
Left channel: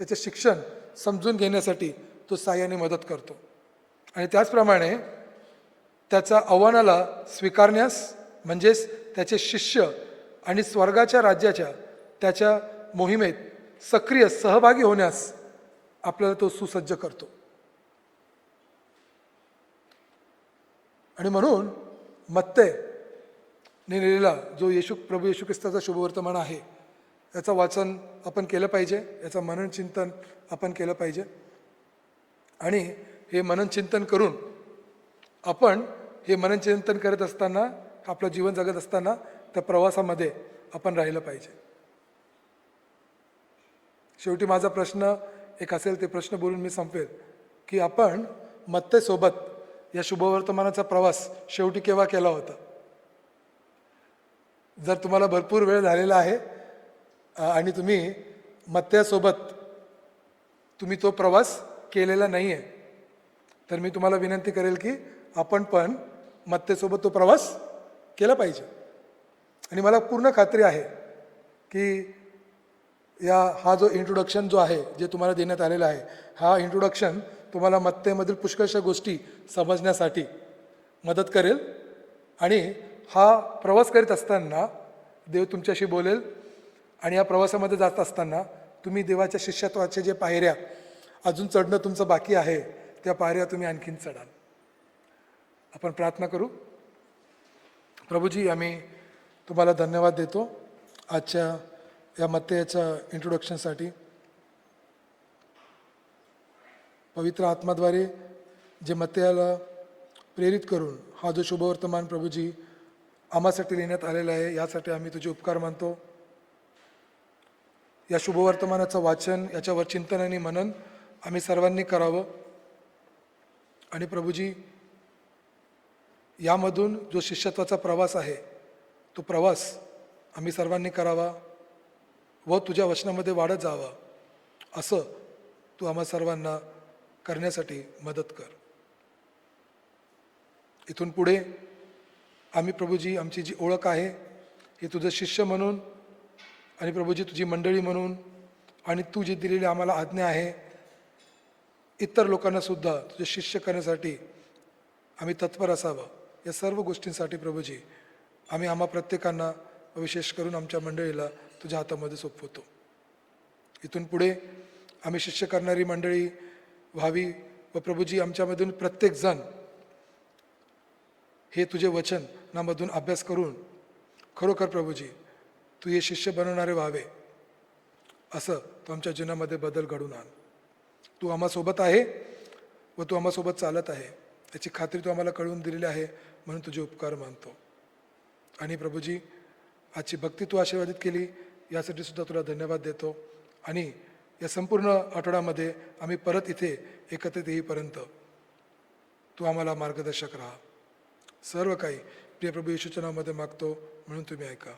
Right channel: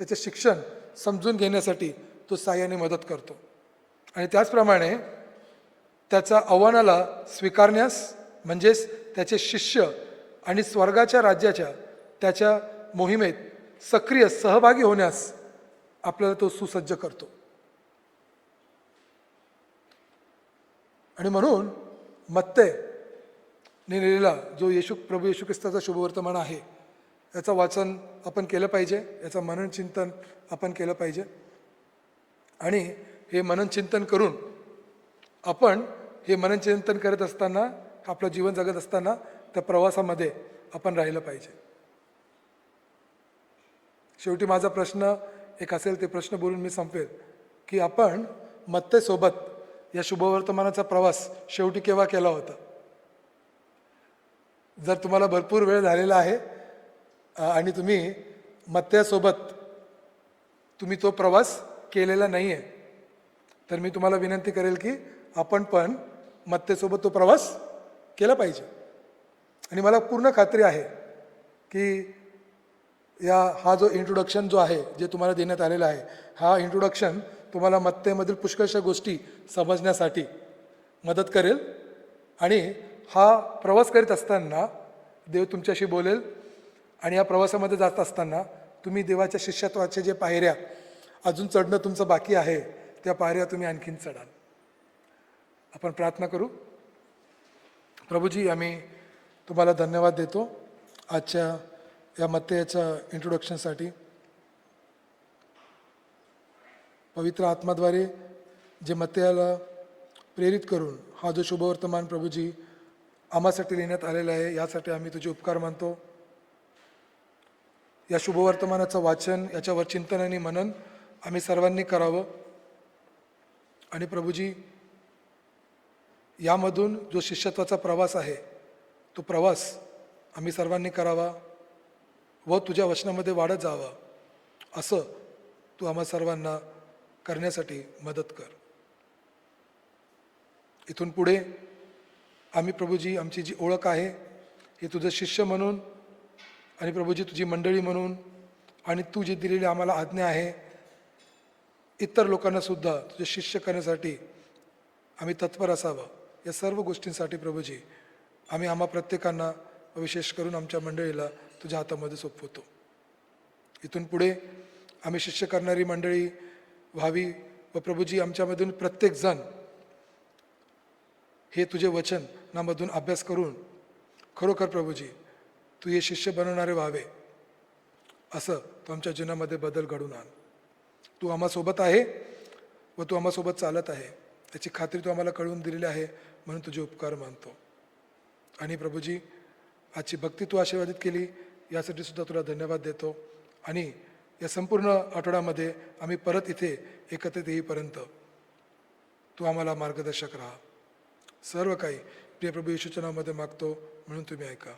त्याचे शिक्षण समजून घेण्यासाठी तो साहाय्याने मदत करतो. आणि त्याचप्रमाणे त्याच्या आव्हानाला स्वीकारण्यास म्हणजेच त्याचे शिष्य आणि स्वर्गाच्या राज्याच्या त्याच्या मोहिमेत सक्रिय सहभागी होण्यास आपल्याला तो सुसज्ज करतो. आणि म्हणून मत्ते लिहिलेला जो प्रभू येशू ख्रिस्ताचा शुभवर्तमान आहे याचं वाचन आपण केलं पाहिजे, याचं मनन चिंतन आपण केलं पाहिजे. आणि हे मनन चिंतन करून आपण हे मनन चिंतन करत असताना, आपलं जीवन जगत असताना त्या प्रवासामध्ये आपण राहिलं पाहिजे. शेवटी माझा प्रश्न एक असेल, ते प्रश्न बोलून मी संपेल की आपण मत्तेसोबत या शुभवर्तमानाचा प्रवास शेवटी केव्हा केला होता? जर तुम्हाला भरपूर वेळ झालेला आहे आणि तुम्ही मत्तेसोबत तुम्ही तो प्रवास केलेला नाही आहे, तर मी तुम्हाला विनंती करेल की आपण पण मत्तेसोबत तो प्रवास केला पाहिजे. आणि मला पूर्ण खात्री आहे की हा जो इंट्रोडक्शन जो आहे, जे तुम्हाला देण्यात आलेला आहे, हा इंट्रोडक्शन तुम्हाला मत्तेमधील पुष्कळशा गोष्टी समजण्यासाठी मदत करेल. आणि हा प्रवास करीत असताना देव तुमच्याशी बोलेल. आणि या प्रवासामध्ये जात असताना तुम्ही देवाच्या शिष्यत्वाचे जे पायऱ्या अजून चढणं तुमचं बाकी आहे, त्या पायऱ्या तुम्ही आणखीन चढाल. आपण प्रार्थना करू. प्रभूजी, आम्ही तुम्हाला धन्यवाद देतो आजच्या या मत्तेच्या इंट्रोडक्शनसाठी. पवित्र आत्माद्वारे जे मत्तेला प्रेरित करून हा जो शुभवर्तमान प्रभूजी आम्हासाठी लिहिण्यात आलेला आहे, यासाठी आम्ही तुझे उपकार मानतो. या शुभवर्तमानाचं वाचन, याच्यावर चिंतन आणि मनन आम्ही सर्वांनी करावं. आणि प्रभूजी, यामधून जो शिष्यत्वाचा प्रवास आहे, तो प्रवास आम्ही सर्वांनी करावा व तुझ्या वचनामध्ये वाढत जावा, असं तू आम्हा सर्वांना करण्यासाठी मदत कर. इथून पुढे आम्ही प्रभूजी, आमची जी ओळख आहे की तुझं शिष्य म्हणून, आणि प्रभूजी तुझी मंडळी म्हणून, आणि तू जी दिलेली आम्हाला आज्ञा आहे इतर लोकांना सुद्धा तुझं शिष्य करण्यासाठी आम्ही तत्पर असावं. या सर्व गोष्टींसाठी प्रभूजी आम्ही आम्हा प्रत्येकांना, विशेष करून आमच्या मंडळीला तुझ्या हातामध्ये सोपवतो. इथून पुढे आम्ही शिष्य करणारी मंडळी व्हावी व प्रभूजी आमच्यामधून प्रत्येक जण हे तुझे वचनामधून अभ्यास करून खरोखर प्रभूजी तू हे शिष्य बनवणारे व्हावे, असं तू आमच्या जीवनामध्ये बदल घडून आण. तू आम्हासोबत आहे व तू आम्हासोबत चालत आहे, त्याची खात्री तू आम्हाला कळवून दिलेली आहे, म्हणून तुझे उपकार मानतो. आणि प्रभूजी, आजची भक्ती तू आशीर्वादित केली, यासाठी सुद्धा तुला धन्यवाद देतो. आणि या संपूर्ण आठवड्यामध्ये आम्ही परत इथे एकत्रित येईपर्यंत तू आम्हाला मार्गदर्शक राहा. सर्व काही प्रिय प्रभू येशूच्या नावामध्ये मागतो, म्हणून तुम्ही ऐका.